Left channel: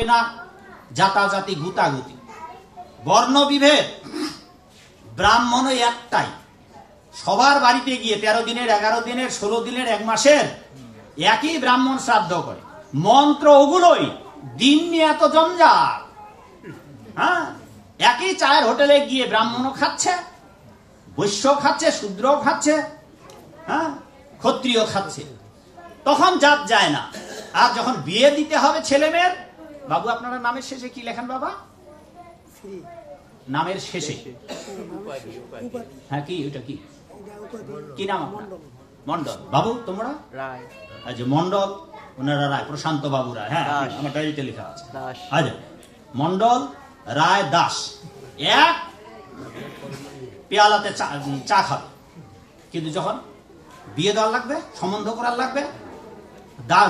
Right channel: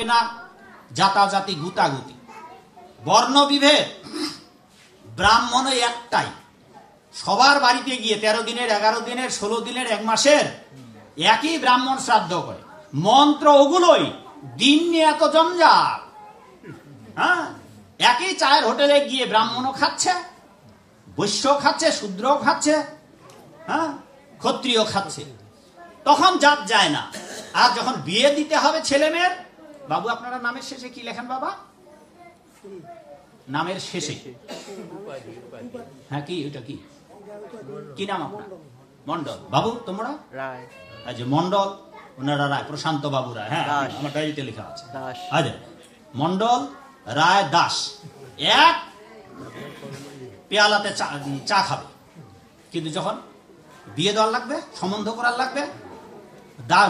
থাকবে না জাতাজাতি গুতাগুতি, বর্ণ বিভেদ। ব্রাহ্মণ একটাই, সবার বাড়িতে গিয়ে 13 দিনের, 11 দিনের, 16 দিনের, 1 মাসের একই ব্রাহ্মণ শ্রাদ্ধ করে। মন্ত্র ওগুলোই, দিন নিয়ে এত জঞ্জাল। হ্যাঁ, একই চায়ের হোটেলে গিয়ে ব্রাহ্মণও খাচ্ছে, বৈশ্য খাচ্ছে, শূদ্র খাচ্ছে, হ্যাঁ, ক্ষত্রিয় খাচ্ছে। তখন জাত যায় না। আর যখন বিয়ে দিতে হবে ছেলে মেয়ের, বাবু আপনারা নামের শেষে কি লেখেন বাবা? নামের শেষে হ্যাঁ, কি ওটা কি কি নাম আপনার? মন্ডল। বাবু তোমরা? রায়। আচ্ছা, মন্ডল, ওনারা রায়, প্রশান্ত বাবু রায়। হ্যাঁ, আমার ডায়েরিতে লেখা আছে। আচ্ছা, মন্ডল, রায়, দাস এক পেয়ালাতে চা খাবে। কিন্তু যখন বিয়ে দেওয়ার লাগবে, সম্বন্ধ করার লাগবে,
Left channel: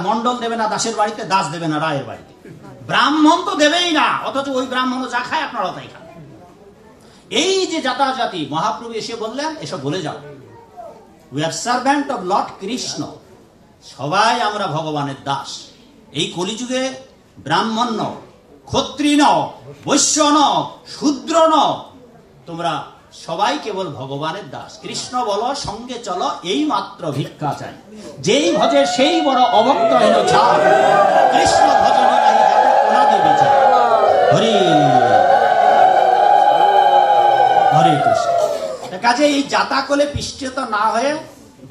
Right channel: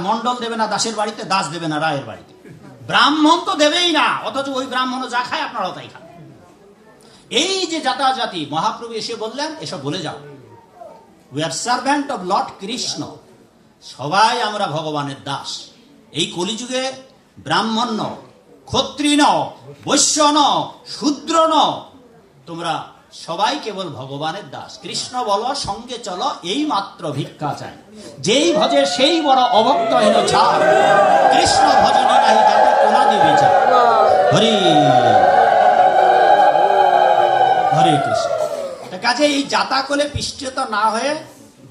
মন্ডল দেবে না দাসের বাড়িতে, দাস দেবে না রায়ের বাড়িতে, ব্রাহ্মণ তো দেবেই না। অথচ ওই ব্রাহ্মণ যা খায় আপনারা তাই খান। এই যে জাতাজাতি, মহাপ্রভু এসে বললেন এসব বলে যাও। We are servant of Lord Krishna, সবাই আমরা ভগবানের দাস। এই কলিযুগে ব্রাহ্মণ ন, ক্ষত্রিয় ন, বৈশ্য ন, শূদ্র ন, তোমরা সবাই কেবল ভগবানের দাস। কৃষ্ণ বলো, সঙ্গে চলো, এই মাত্র ভিক্ষা চাই। যেই ভজে সেই বড় অভক্ত হেন ছাড়, কৃষ্ণ ভজনে নাহি যাতে কোনাদি বিচার। হরি হরে কৃষ্ণ। কাজে এই জাতা কোলে পিষ্টিত না হয়ে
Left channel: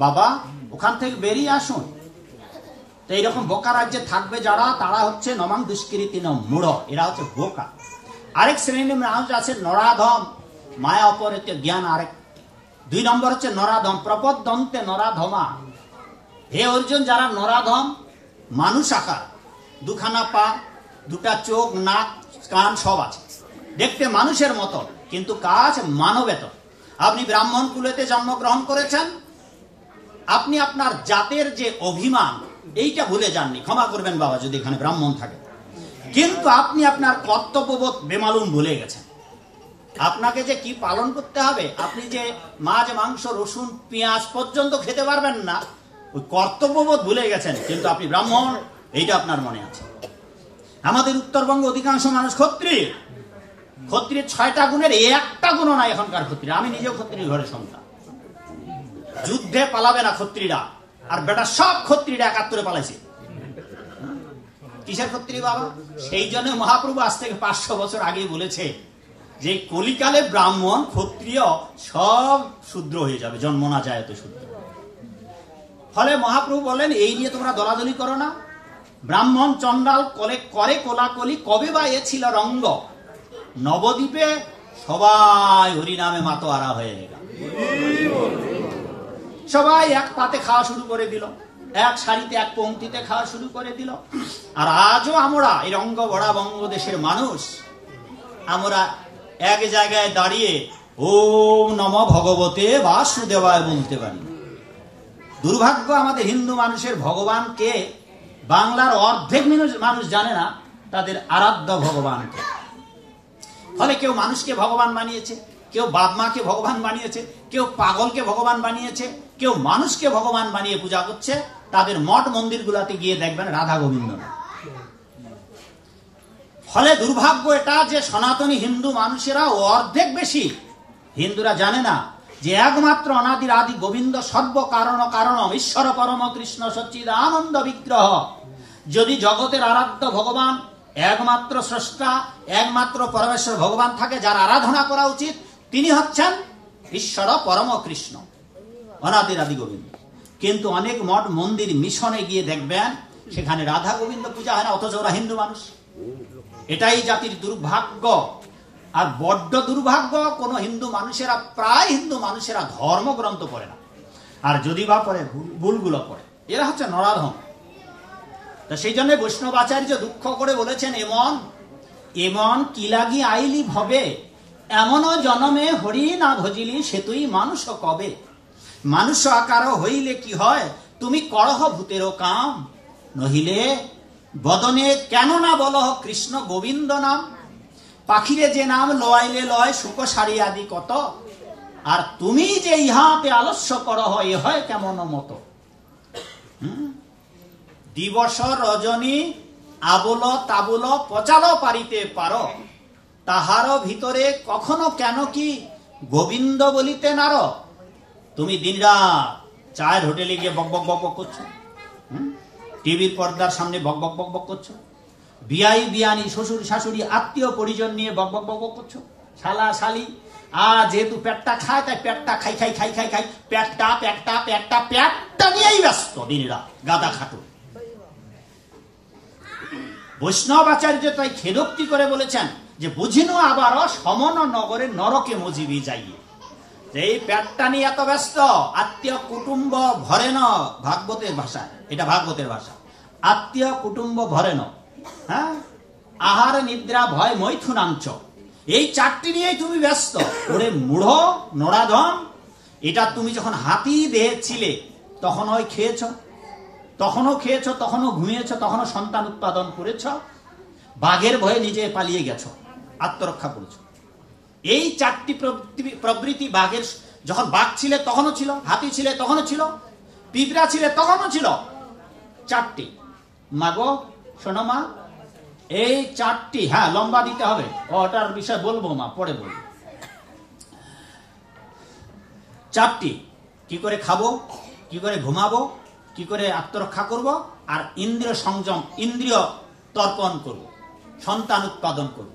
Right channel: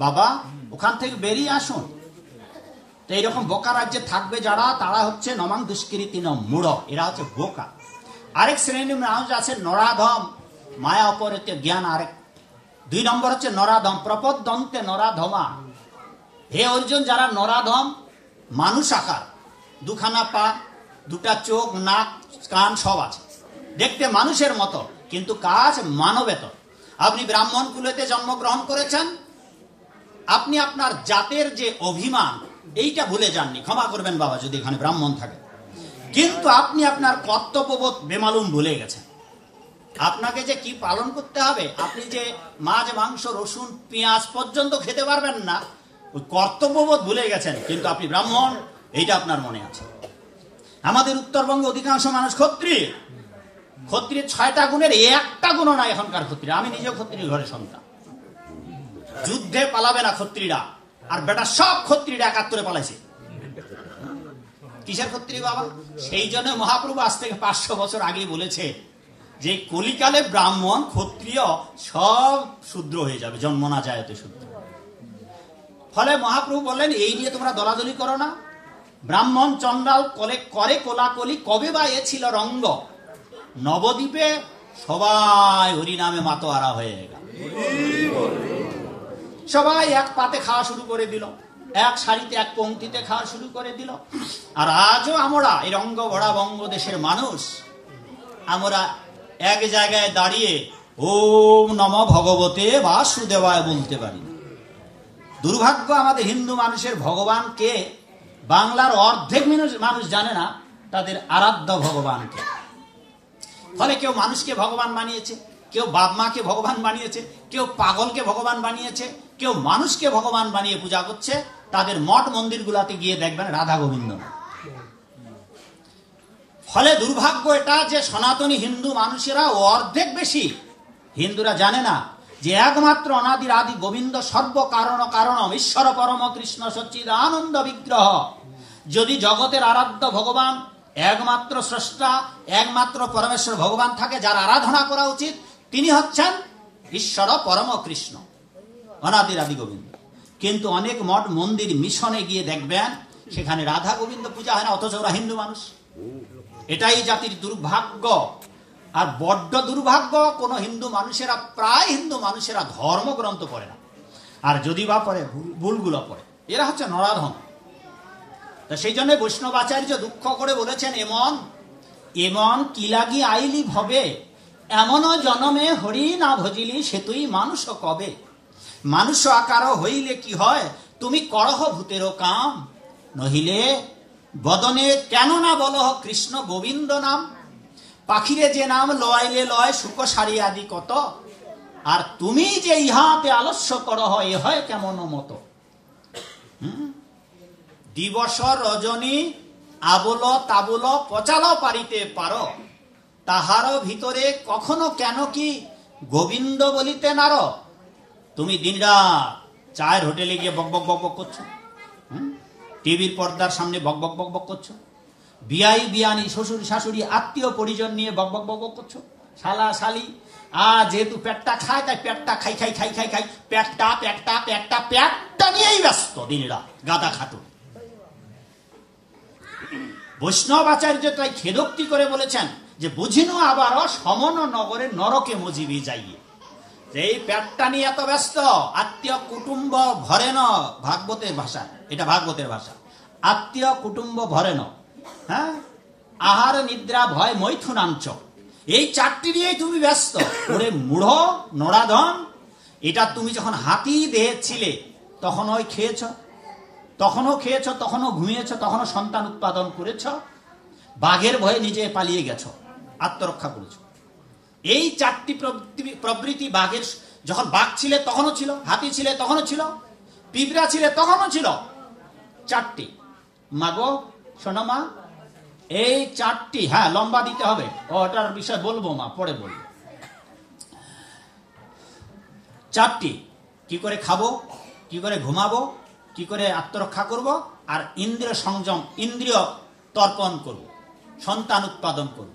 বাবা ওখান থেকে বেরিয়ে আসুন। তো এইরকম বোকা রাজ্যে থাকবে যারা, তারা হচ্ছে নমাং দুষ্কৃতি ন মূঢ়, এরা হচ্ছে বোকা। আরেক শ্রেণীর মানুষ আছে নরাধম, মায়া অপরিতে জ্ঞান আরেক। 2 নম্বর হচ্ছে নরাধম, প্রপদ্যন্তে নরাধমা। হে অর্জুন, যারা নরাধম, মানুষ আকার, 2খানা পা, 2টা চোখ, নাক, কান সব আছে, দেখতে মানুষের মতো, কিন্তু কাজ মানবেতর। আপনি ব্রাহ্মণ কুলেতে জন্মগ্রহণ করেছেন, আপনি আপনার জাতের যে অভিমান এইটা ভুলে যাননি। ক্ষমা করবেন বাবা যদি এখানে ব্রাহ্মণ থাকে, কিন্তু আপনি আপনার কর্তব্যবোধ বেমালুম ভুলে গেছেন। আপনাকে যে কি পালন করতে হবে, আপনি যে মাছ, মাংস, রসুন, পেঁয়াজ পর্যন্ত খেতে পারবেন না, ওই কর্তব্যবোধ ভুলে গেছেন। কিন্তু আপনি ব্রাহ্মণ, এইটা আপনার মনে আছে। আমাদের উত্তরবঙ্গে অধিকাংশ মানুষ ক্ষত্রিয়। ক্ষত্রিয়ের 6টা গুণের 1টা গুণও নাই এখনকার ক্ষত্রিয়। আমি নিজেও ক্ষত্রিয় ঘরে সন্তান। যুদ্ধে পালাবে না ক্ষত্রিয়রা, আর বেটা সব ক্ষত্রিয়রা 71-এ পালাইছে। কিসের ক্ষত্রিয় বাবা? সেই জন্য মহাপ্রভু আজ থেকে 500 বছর আগেই বলেছে যে কলিকালে ব্রাহ্মণ ক্ষত্রিয় সব শূদ্র হয়ে যাবে, জন্ম না যায় তো শূদ্র। ফলে মহাপ্রভু বললেন এই নিয়ে তোমরা দলাদলি করো না। ব্রাহ্মণ চন্ডাল করে কোলাকলি, কবে বা এ ছিল রঙ্গ। নবদ্বীপে সবাই হরিনামে মাতোয়ারা হয়ে গেল, সবাই এক পাতে খাওয়া শুরু করে দিল, এক সারিতে এক পংক্তিতে খাওয়া শুরু করে দিল। আর আজও আমরা এই রঙ্গ ভরা বঙ্গদেশের মানুষ, আমরা এক জায়গায় দাঁড়িয়ে ওম নমঃ ভগবতে বাসুদেবায় বলতে পারি। দুর্ভাগ্য আমাদের হিন্দু মানুষের ভগবানকে বাংলার অর্ধেক মানুষ জানে না তাদের আরাধ্য ভগবানকে। ফলে কেউ মানুষকে ভগবান বানিয়েছে, কেউ বাপ মাকে ভগবান বানিয়েছে, কেউ পাগলকে ভগবান বানিয়েছে, কেউ মানুষকে ভগবান বানিয়ে পূজা করছে। তাদের মঠ মন্দির গুলাতে গিয়ে দেখবেন রাধা গোবিন্দ না। ফলে দুর্ভাগ্য এটা যে সনাতনী হিন্দু মানুষেরা অর্ধেক বেশি হিন্দুরা জানে না যে একমাত্র অনাদির আদি গোবিন্দ সর্ব কারণ কারণম ঈশ্বর পরম কৃষ্ণ সচ্চিদানন্দ বিগ্রহ। যদি জগতের আরাধ্য ভগবান একমাত্র স্রষ্টা, একমাত্র পরমেশ্বর ভগবান থাকে, যার আরাধনা করা উচিত, তিনি হচ্ছেন ঈশ্বর পরম কৃষ্ণ, অনাদির আদি গোবিন্দ। কিন্তু অনেক মঠ মন্দির মিশনে গিয়ে দেখবেন সেখানে রাধা গোবিন্দ পূজা হয় না, অথচ ওরা হিন্দু মানুষ। এটাই জাতির দুর্ভাগ্য। আর বড্ড দুর্ভাগ্য, কোন হিন্দু মানুষেরা, প্রায় হিন্দু মানুষেরা ধর্মগ্রন্থ পড়ে না, আর যদি বা পড়ে ভুলগুলো পড়ে। এরা হচ্ছে নরাধম। তা সেই জন্য বৈষ্ণবাচার্য দুঃখ করে বলেছেন, এমন এমন কি লাগি আইলি ভবে, এমনও জনমে হরি না ভজিলি সে তুই মানুষ কবে। মানুষ আকার হইলে কি হয়, তুমি করহ ভূতেরও কাম, নহিলে বদনে কেন না বলহ কৃষ্ণ গোবিন্দ নাম। পাখিরে যে নাম লয়াইলে লয়, শুক সারি আদি কত, আর তুমি যে ইহাতে আলস্য করহ, এ হয় কেমন মতো। দিবস রজনী আবল তাবল পচালো পারিতে পারো, তাহার ভিতরে কখনো কেন কি গোবিন্দ বলিতে নার। তুমি দিনরাত চায়ের হোটেলে গিয়ে বক বক বক বক করছো, টিভির পর্দার সামনে বক বক বক বক করছো, বিয়াই বিয়ানি শ্বশুর শাশুড়ি আত্মীয় পরিজন নিয়ে বক বক বক বক করছো, শালা শালি আর যেহেতু পেটটা খায় তাই পেটটা খাই খাই খাই খাই খাই পেটটা পেটটা পেটটা পেটটা নিয়েই ব্যস্ত দিনরাত গাদা খাটো। বৈষ্ণব আচার্য তাই খেদোক্তি করে বলেছেন যে বুঝিনো আবারও সমন নগরে নরকে মজিবি যাইয়ে। এই পেটটা নিয়ে এত ব্যস্ত, আত্মীয় কুটুম্ব ভরে ন, ভাগবতের ভাষা এটা, ভাগবতের ভাষা, আত্মীয় কুটুম্ব ভরে ন, হ্যাঁ, আহার নিদ্রা ভয় মৈথুনাঞ্চ, এই চারটি নিয়েই তুমি ব্যস্ত। ওরে মূঢ় নরাধম, এটা তুমি যখন হাতি দেহে ছিলে তখন ওই খেয়েছ, তখনও খেয়েছ, তখনও ঘুমিয়েছ, তখনও সন্তান উৎপাদন করেছ, বাঘের ভয়ে নিজে পালিয়ে গেছ, আত্মরক্ষা করেছ। এই চারটি প্রবৃত্তি বাঘের, যখন বাঘ ছিলে তখনও ছিল, হাতি ছিলে তখনও ছিল, পিঁপড়া ছিলে তখনও ছিল, চারটি। মাগো শোনো মা, এই চারটি, হ্যাঁ লম্বা দিতে হবে, ওটার বিষয় বলবো মা, পরে বলবো। চারটি, কি করে খাবো, কি করে ঘুমাবো, কি করে আত্মরক্ষা করব, আর ইন্দ্রিয় সংযম, ইন্দ্রিয় তর্পণ করব, সন্তান উৎপাদন করব।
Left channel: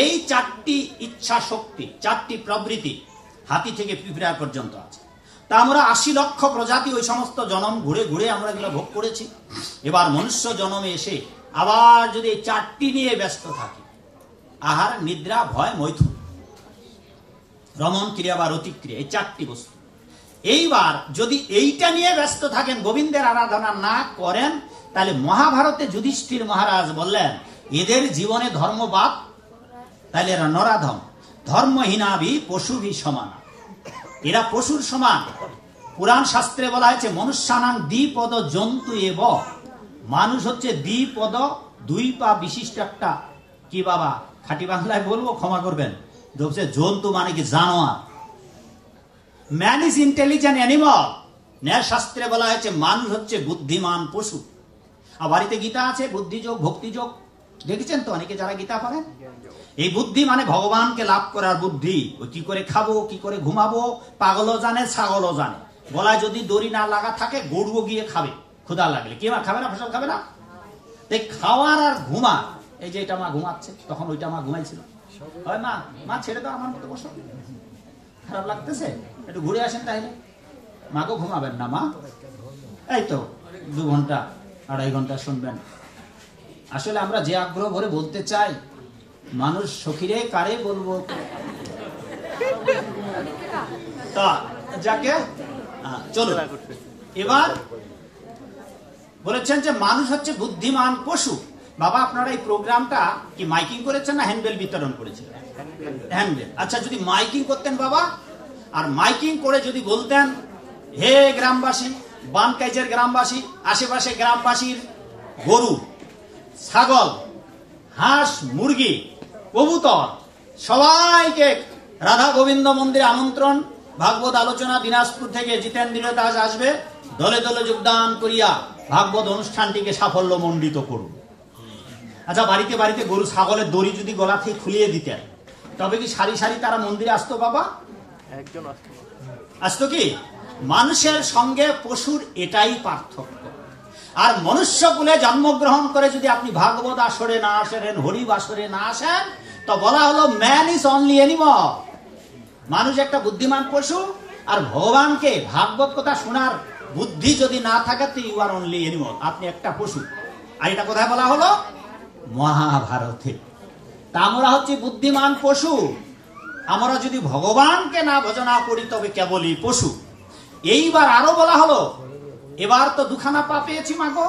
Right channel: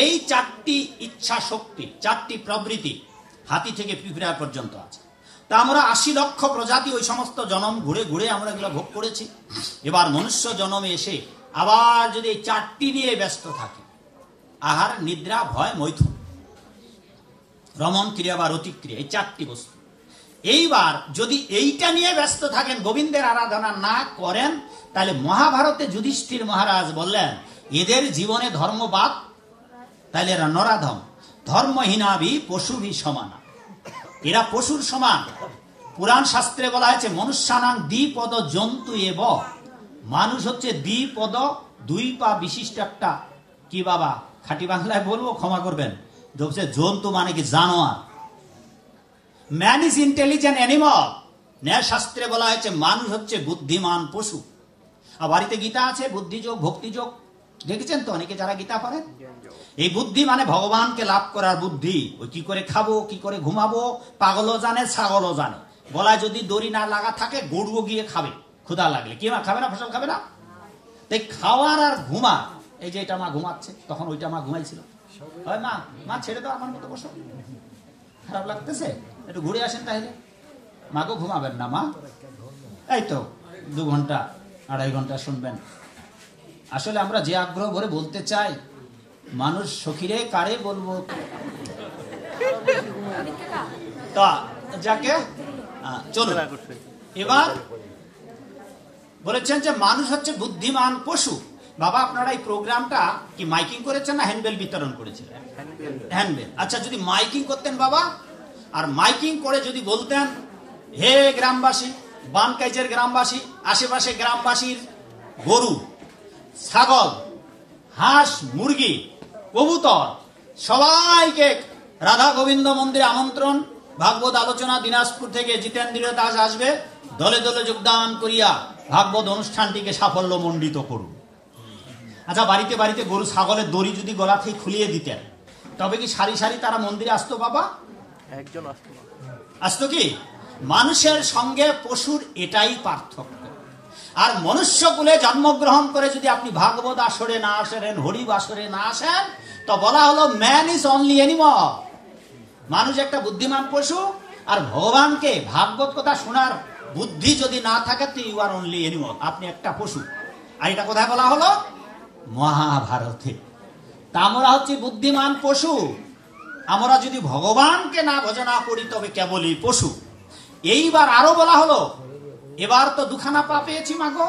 এই চারটি ইচ্ছা শক্তি, চারটি প্রবৃত্তি হাতি থেকে পিঁপড়া পর্যন্ত আছে। তা আমরা 80 লক্ষ প্রজাতি ওই সমস্ত জনম ঘুরে ঘুরে আমরা এগুলো ভোগ করেছি। এবার মনুষ্য জনমে এসে আবার যদি এই চারটি নিয়ে ব্যস্ত থাকি, আহার নিদ্রা ভয় মৈথুন, রমণ ক্রিয়া বা রতিক্রিয়া, এই চারটি বস্তু, এইবার যদি এইটা নিয়ে ব্যস্ত থাকেন, গোবিন্দের আরাধনা না করেন, তাহলে মহাভারতে যুধিষ্ঠির মহারাজ বললেন এদের জীবনে ধর্মবাদ, তাহলে এরা নরাধম, ধর্মহীনাভি পশুভি সমান, এরা পশুর সমান। পুরাণ শাস্ত্রে বলা হয়েছে মনুষ্যানাং দ্বিপদ জন্তু এব, মানুষ হচ্ছে দ্বিপদ, 2 পা বিশিষ্ট একটা, কি বাবা খাঁটি বাংলায় বলবো ক্ষমা করবেন, জন্তু মানে কি জানোয়ার। ম্যান ইজ ইন্টেলিজেন্ট অ্যানিমাল, ন্যায় শাস্ত্রে বলা হয়েছে মানুষ হচ্ছে বুদ্ধিমান পশু। আর বাড়িতে গীতা আছে, বুদ্ধিযোগ ভক্তিযোগ, দেখেছেন তো অনেকে যারা গীতা পড়েন। এই বুদ্ধি মানে ভগবানকে লাভ করার বুদ্ধি। ওই কি করে খাবো, কি করে ঘুমাবো, পাগলও জানে ছাগলও জানে। গলায় যদি দড়ি না লাগা থাকে গরুও গিয়ে খাবে, ক্ষুধা লাগলে। কি মা খাবে না, ফসল খাবে না? তাই খাওয়ার আর ঘুমা, এই যে এটা মা ঘুমাচ্ছে, তখন ওইটা মা ঘুমাইছিল, মা মা ছেড়ে দাও আমার মতো বসো, খারাপ লাগতেছে, একটু ঘুরে আসেন তাহলে। মাকেও ঘুমাবেন না মা, এই তো 2 ঘন্টা 2.5 ঘন্টা শুনবেন। আসলে আমরা যে আগ্রহ ভরে বলতে চাই, মানুষ সখীরে কারে বলবো, তা যাকে চলো। এবার বলেছেন যে মানুষ হচ্ছে বুদ্ধিমান পশু। বাবা আপনারা এই প্রোগ্রামটা কি মাইকিং করেছেন না হ্যান্ডবেল বিতরণ করেছিলেন? হ্যান্ডবেল। আচ্ছা, যদি মাইকিং করতেন বাবা, আর মাইকিং করে যদি বলতেন, হে গ্রামবাসী, বানকাইজের গ্রামবাসী, আশেপাশে গ্রামবাসীর গরু, ছাগল, হাঁস, মুরগি, কবুতর, সবাইকে রাধা গোবিন্দ মন্দিরে আমন্ত্রণ, ভাগবত আলোচনা দিনাজপুর থেকে জিতেন্দ্র দাস আসবে, দলে দলে যোগদান করিয়া ভাগবত অনুষ্ঠানটিকে সাফল্য মণ্ডিত করুন। আচ্ছা, বাড়িতে বাড়িতে গরু ছাগলের দড়ি যদি গলা থেকে খুলিয়ে দিতেন, তবে কি সারি সারি তারা মন্দিরে আসতো বাবা? একজন আসতো কি? মানুষের সঙ্গে পশুর এটাই পার্থক্য। আর মনুষ্য কুলে জন্মগ্রহণ করে যদি আপনি ভাগবত আসরে না আসেন, হরিব আসরে না আসেন, তো বলা হলো ম্যান ইজ অনলি অ্যানিমাল, মানুষ একটা বুদ্ধিমান পশু। আর ভগবানকে ভাগবত কথা শোনার বুদ্ধি যদি না থাকে, তো ইউ আর অনলি অ্যানিমাল, আপনি একটা পশু। আর এটা কোথায় বলা হলো? মহাভারতে। তা আমরা হচ্ছে বুদ্ধিমান পশু। আমরা যদি ভগবানকে না ভজনা করি তবে কেবলই পশু। এইবার আরো বলা হলো, এবার তো 2খানা পা পেয়েছি মাগো,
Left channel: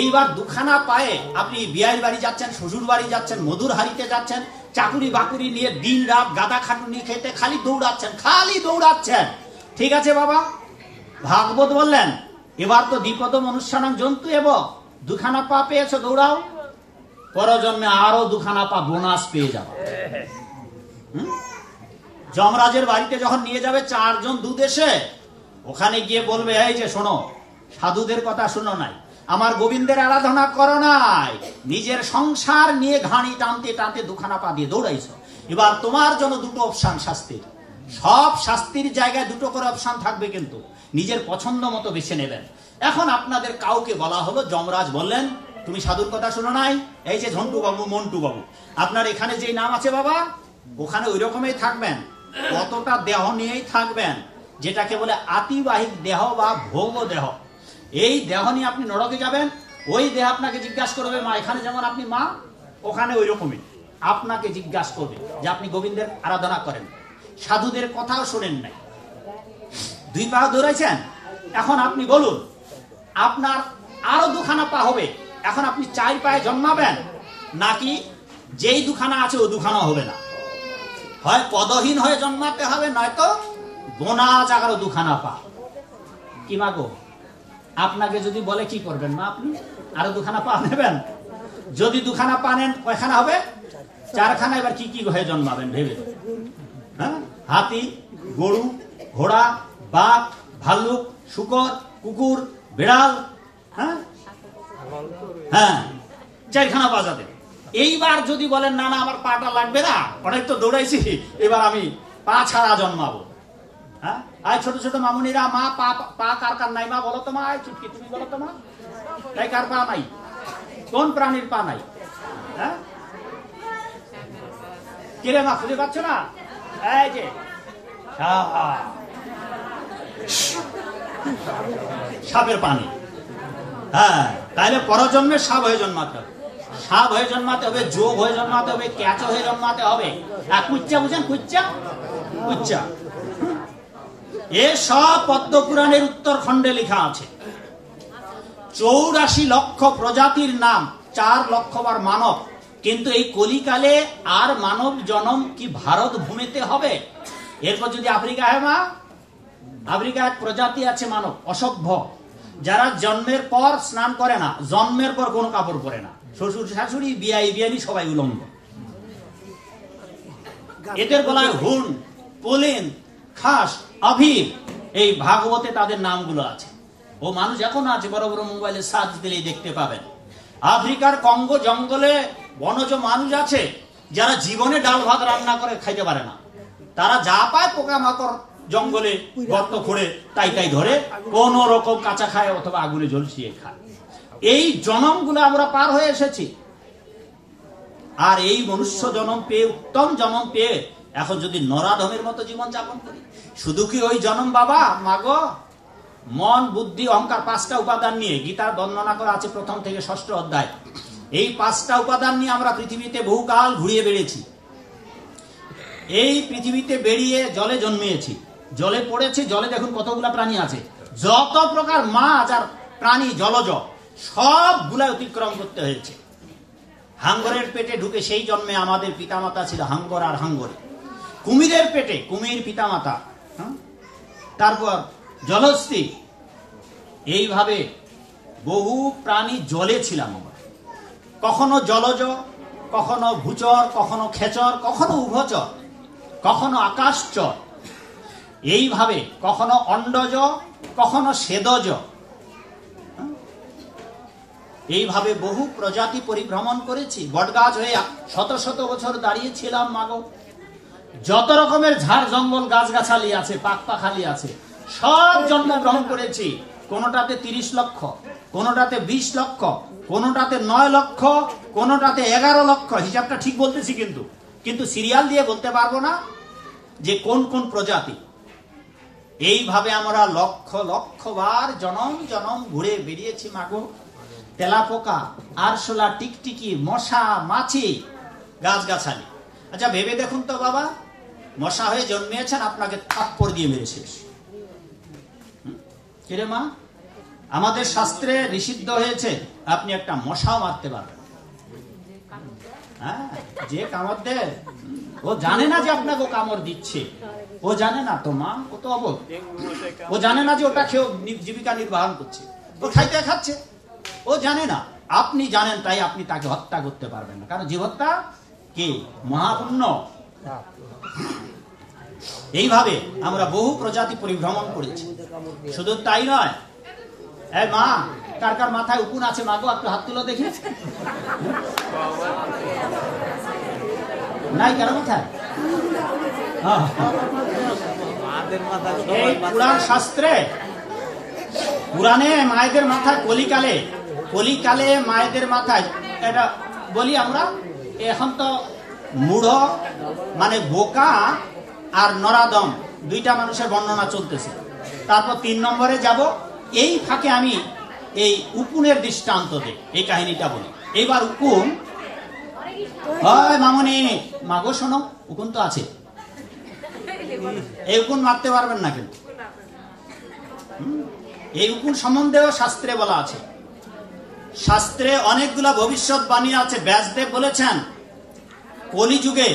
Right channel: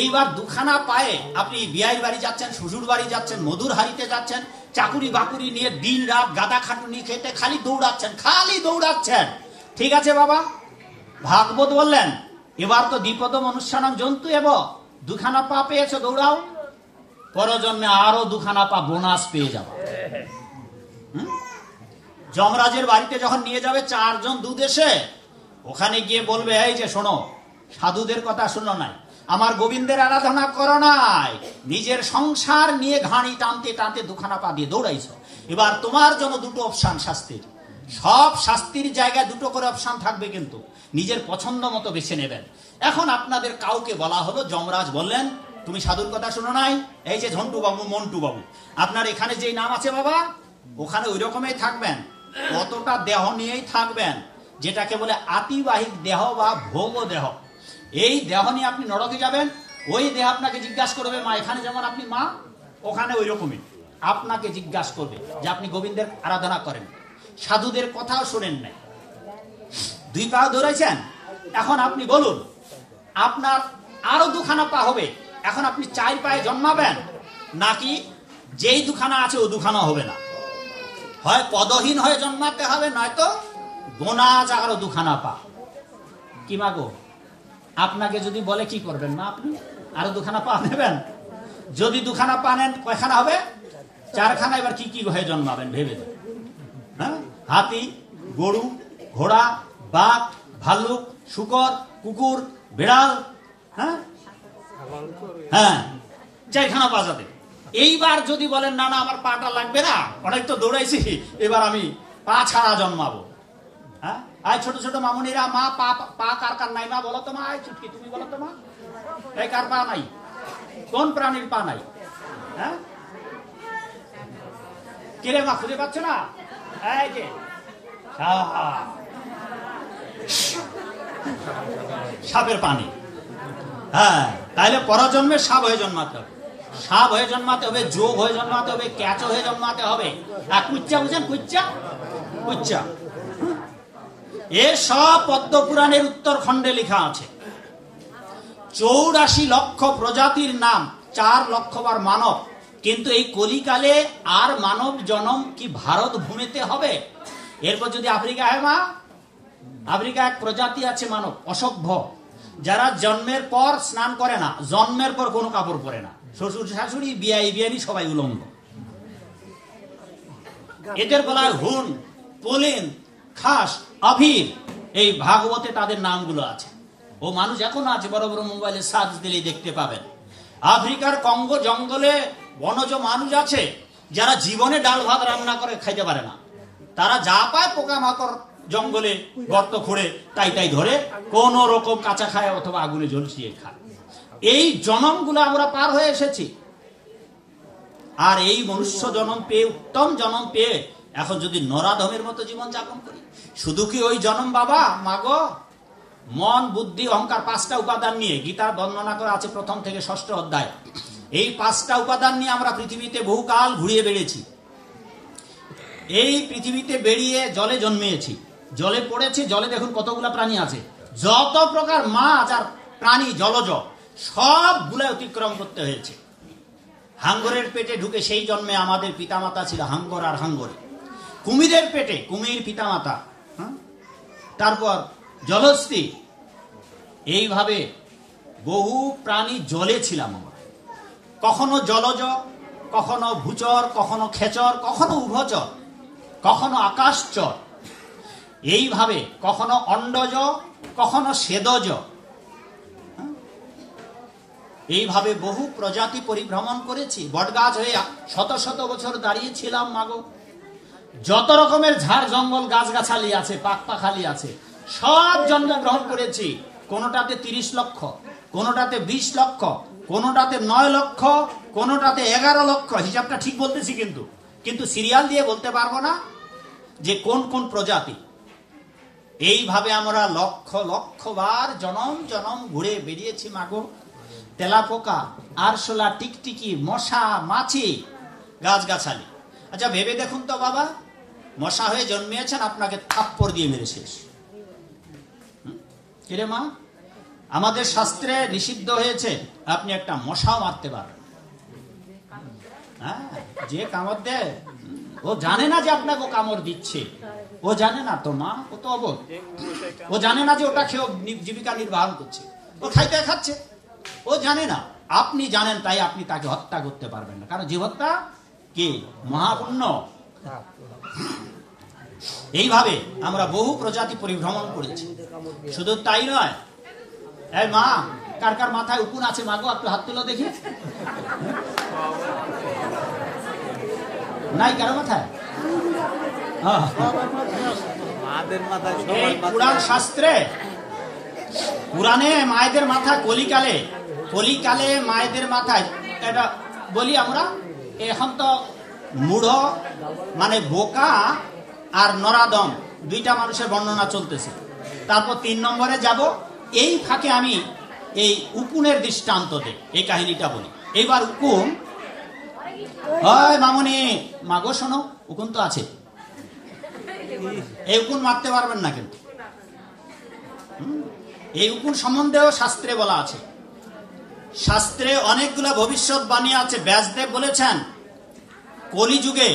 এইবার 2খানা পায়ে আপনি বিয়ের বাড়ি যাচ্ছেন, শ্বশুর বাড়ি যাচ্ছেন, মধুর হাড়িতে যাচ্ছেন, চাকুরি বাকুরি নিয়ে দিন রাত গাদা খাটুনি খেতে খালি দৌড়াচ্ছেন। ঠিক আছে বাবা, ভাগবত বললেন এবার তো দ্বিপদ মনুষ্যানাং জন্তু এব, 2খানা পা পেয়েছো, দৌড়াও, পরজন্মে আরো 2খানা পা বোনাস পেয়ে যাবে। যমরাজের বাড়িতে যখন নিয়ে যাবে 4 জন দুদেশে, ওখানে গিয়ে বলবে এই যে শোনো, সাধুদের কথা শোনো নাই, আমার গোবিন্দের আরাধনা করো নাই, নিজের সংসার নিয়ে ঘাড়ি টানতে টানতে দুখানা পা দিয়ে দৌড়াইছ। এবার তোমার জন্য দুটো অপশন শাস্তির, সব শাস্তির জায়গায় দুটো করে অপশন থাকবে, কিন্তু নিজের পছন্দ মতো বেছে নেবেন। এখন আপনাদের কাউকে বলা হলো, যমরাজ বললেন তুমি সাধুর কথা শুনো নাই, এই যে ঝন্টু বাবু, মন্টু বাবু, আপনার এখানে যে নাম আছে বাবা, ওখানে ওই রকমই থাকবেন, কতটা দেহ নিয়েই থাকবেন, যেটাকে বলে আতিবাহিক দেহ বা ভোগ দেহ। এই দেহ নিয়ে আপনি নরকে যাবেন, ওই দেহ আপনাকে জিজ্ঞাসা করবে মা, এখানে যেমন আপনি মা, ওখানে ওই রকমই আপনাকে জিজ্ঞাসা করবে যে আপনি গোবিন্দের আরাধনা করেন, সাধুদের কথাও শোনেন নাই, দুই পা দৌড়াইছেন। এখন আপনি বলুন, আপনার আরো দুখানা পা হবে, এখন আপনি 4 পায়ে জন্মাবেন, নাকি যেই দুখানা আছে ও দুখানা হবে না? হয় পদহীন হয়ে জন্মাতে হবে, নয়তো গোনা জাগারও দুখানা পা। কি মাগো, আপনাকে যদি বলে কি করবেন মা? আপনি আরো দুখানা পা নেবেন? যদি দুখানা পা নেন কয়খানা হবে? 4খানা। এবার কি কি হয়ে জন্মাবেন ভেবে? হ্যাঁ, হাতি, গরু, ঘোড়া, বাঘ, ভাল্লুক, শুকর, কুকুর, বিড়াল, হ্যাঁ হ্যাঁ 4খানা পা যাবে। এইবার যদি বলেন না না আমার পাটা লাগবে না, অনেক তো দৌড়াইছি, এবার আমি পা ছাড়া জন্মাবো। হ্যাঁ, আয় ছোট ছোট মামুনিরা, মা পা কার কার নাই মা বলো তো মা, চুটকি তুমি বলো তো মা, তাই কার পা নাই? কোন প্রাণীর পা নাই? হ্যাঁ, কিরে মা খুঁজে পাচ্ছ না? এই যে সাপের পানি। হ্যাঁ, তাইলে পরজন্মে সাপ হয়ে জন্মাতে হবে, সাপ হয়ে জন্মাতে হবে, যোগ হয়ে জন্মাতে হবে, ক্যাচ হয়ে জন্মাতে হবে। আর কুচ্চা বুঝেন? কুচ্চা, কুচ্চা এ সব পদ্মপুরাণের উত্তরখণ্ডে লেখা আছে। 84 লক্ষ প্রজাতির নাম, 4 লক্ষবার মানব। কিন্তু এই কলিকালে আর মানব জনম কি ভারত ভূমিতে হবে? এরপর যদি আফ্রিকা হয় মা, আফ্রিকা এক প্রজাতি আছে মানব, অসভ্য, যারা জন্মের পর স্নান করে না, জন্মের পর কোনো কাপড় পরে না, শ্বশুর শাশুড়ি বিয়ানি সবাই উলঙ্গ। এদের গলায় হুন, পুলিন, খাস, অভির, এই ভাগবতে তাদের নামগুলো আছে। ও মানুষ এখনো আছে, বড় বড় মোবাইলে সার্চ দিলেই দেখতে পাবেন। আফ্রিকার কঙ্গো জঙ্গলে বনজ মানুষ আছে যারা জীবনে ডাল ভাত রান্না করে খাইতে পারে না, তারা যা পায় পোকামাকড় জঙ্গলে গর্ত খুঁড়ে তাই তাই ধরে কোন রকম কাঁচা খায় অথবা আগুনে ঝলসিয়ে খায়। এই জনমগুলো আমরা পার হয়ে এসেছি, আর এই মনুষ্য জনম পেয়ে, উত্তম জনম পেয়ে এখন যদি নরাধমের মতো জীবন যাপন করি, শুধু কি ওই জনম বাবা? মাগো, মন, বুদ্ধি, অহংকার 5টা উপাদান নিয়ে গীতার বর্ণনা করা আছে 1ম থেকে 6ষ্ঠ অধ্যায়। এই 5টা উপাদান নিয়ে আমরা পৃথিবীতে বহুকাল ঘুরিয়ে বেড়েছি। এই পৃথিবীতে বেরিয়ে জলে জন্মিয়েছি, জলে পড়েছি, জলে দেখুন কতগুলা প্রাণী আছে, যত প্রকার মাছ আর প্রাণী জলজ সবগুলা অতিক্রম করতে হয়েছে। হাঙ্গরের পেটে ঢুকে সেই জন্মে আমাদের পিতামাতা ছিল হাঙ্গর আর হাঙ্গরি। কুমিরের পেটে কুমির পিতামাতা, তারপর জলস্থি, এইভাবে বহু প্রাণী জলে ছিলাম। কখনো জলজ, কখনো ভূচর, কখনো খেচর, কখনো উভচর, কখনো আকাশচর, এইভাবে কখনো অন্ডজ, কখনো সেদজ, এইভাবে বহু প্রজাতি পরিভ্রমণ করেছি। বটগাছ হয়ে শত শত বছর দাঁড়িয়েছিলাম মাগো। যত রকমের ঝাড় জঙ্গল গাছগাছালি আছে, পাকপাখালি আছে, সব জন্মগ্রহণ করেছি। কোনটাতে 30 লক্ষ, কোনটাতে 20 লক্ষ, কোনটাতে 9 লক্ষ, কোনটাতে 11 লক্ষ। হিসাবটা ঠিক বলতেছি, কিন্তু সিরিয়াল দিয়ে বলতে পারবো না যে কোন কোন প্রজাতি। এইভাবে আমরা লক্ষ লক্ষ বার জনম জনম ঘুরে বেরিয়েছি মাগো। তেলাপোকা, আরশোলা, টিকটিকি, মশা, মাছি, গাছগাছালি। আচ্ছা ভেবে দেখুন তো বাবা, মশা হয়ে জন্মিয়েছেন, আপনাকে থাপ্পড় দিয়ে মেরে শেষ। কিরে মা, আমাদের শাস্ত্রে নিষিদ্ধ হয়েছে আপনি একটা মশাও মারতে পারবেন। হ্যাঁ, যে কামড় দেয় ও জানে না যে আপনাকে কামড় দিচ্ছে, ও জানে না তো মা, ও তো অবক, ও জানে না যে ওটা খেয়ে জীবিকা নির্বাহ করছে, ও খাচ্ছে, ও জানে না। আপনি জানেন, তাই আপনি তাকে হত্যা করতে পারবেন না, কারণ জীব হত্যা কি মহাপুণ্য। এইভাবে আমরা বহু প্রজাতি পরিভ্রমণ করেছি। শুধু তাই নয়, এই মা, কার কার মাথায় উকুন আছে মাগো, একটু হাত তুলো দেখি। নাই কারো মাথায়? এই পুরাণ শাস্ত্রে, পুরাণে মায়েদের মাথা কলিকালে মায়েদের মাথায়, এটা বলি আমরা, এখন তো মূঢ় মানে বোকা আর নরাদম দুইটা মানুষের বর্ণনা চলতেছে। তারপর 3 নম্বরে যাব। এই ফাঁকে আমি এই উকুনের দৃষ্টান্ত দেই, এই কাহিনীটা বলি। এইবার উকুন, মামনি মাগো শোনো, উকুন তো আছে, এই উকুন মারতে পারবেন না কিন্তু। এই উকুন সম্বন্ধেও শাস্ত্রে বলা আছে। শাস্ত্রে অনেকগুলা ভবিষ্যৎবাণী আছে। ব্যাসদেব বলেছেন কলিযুগে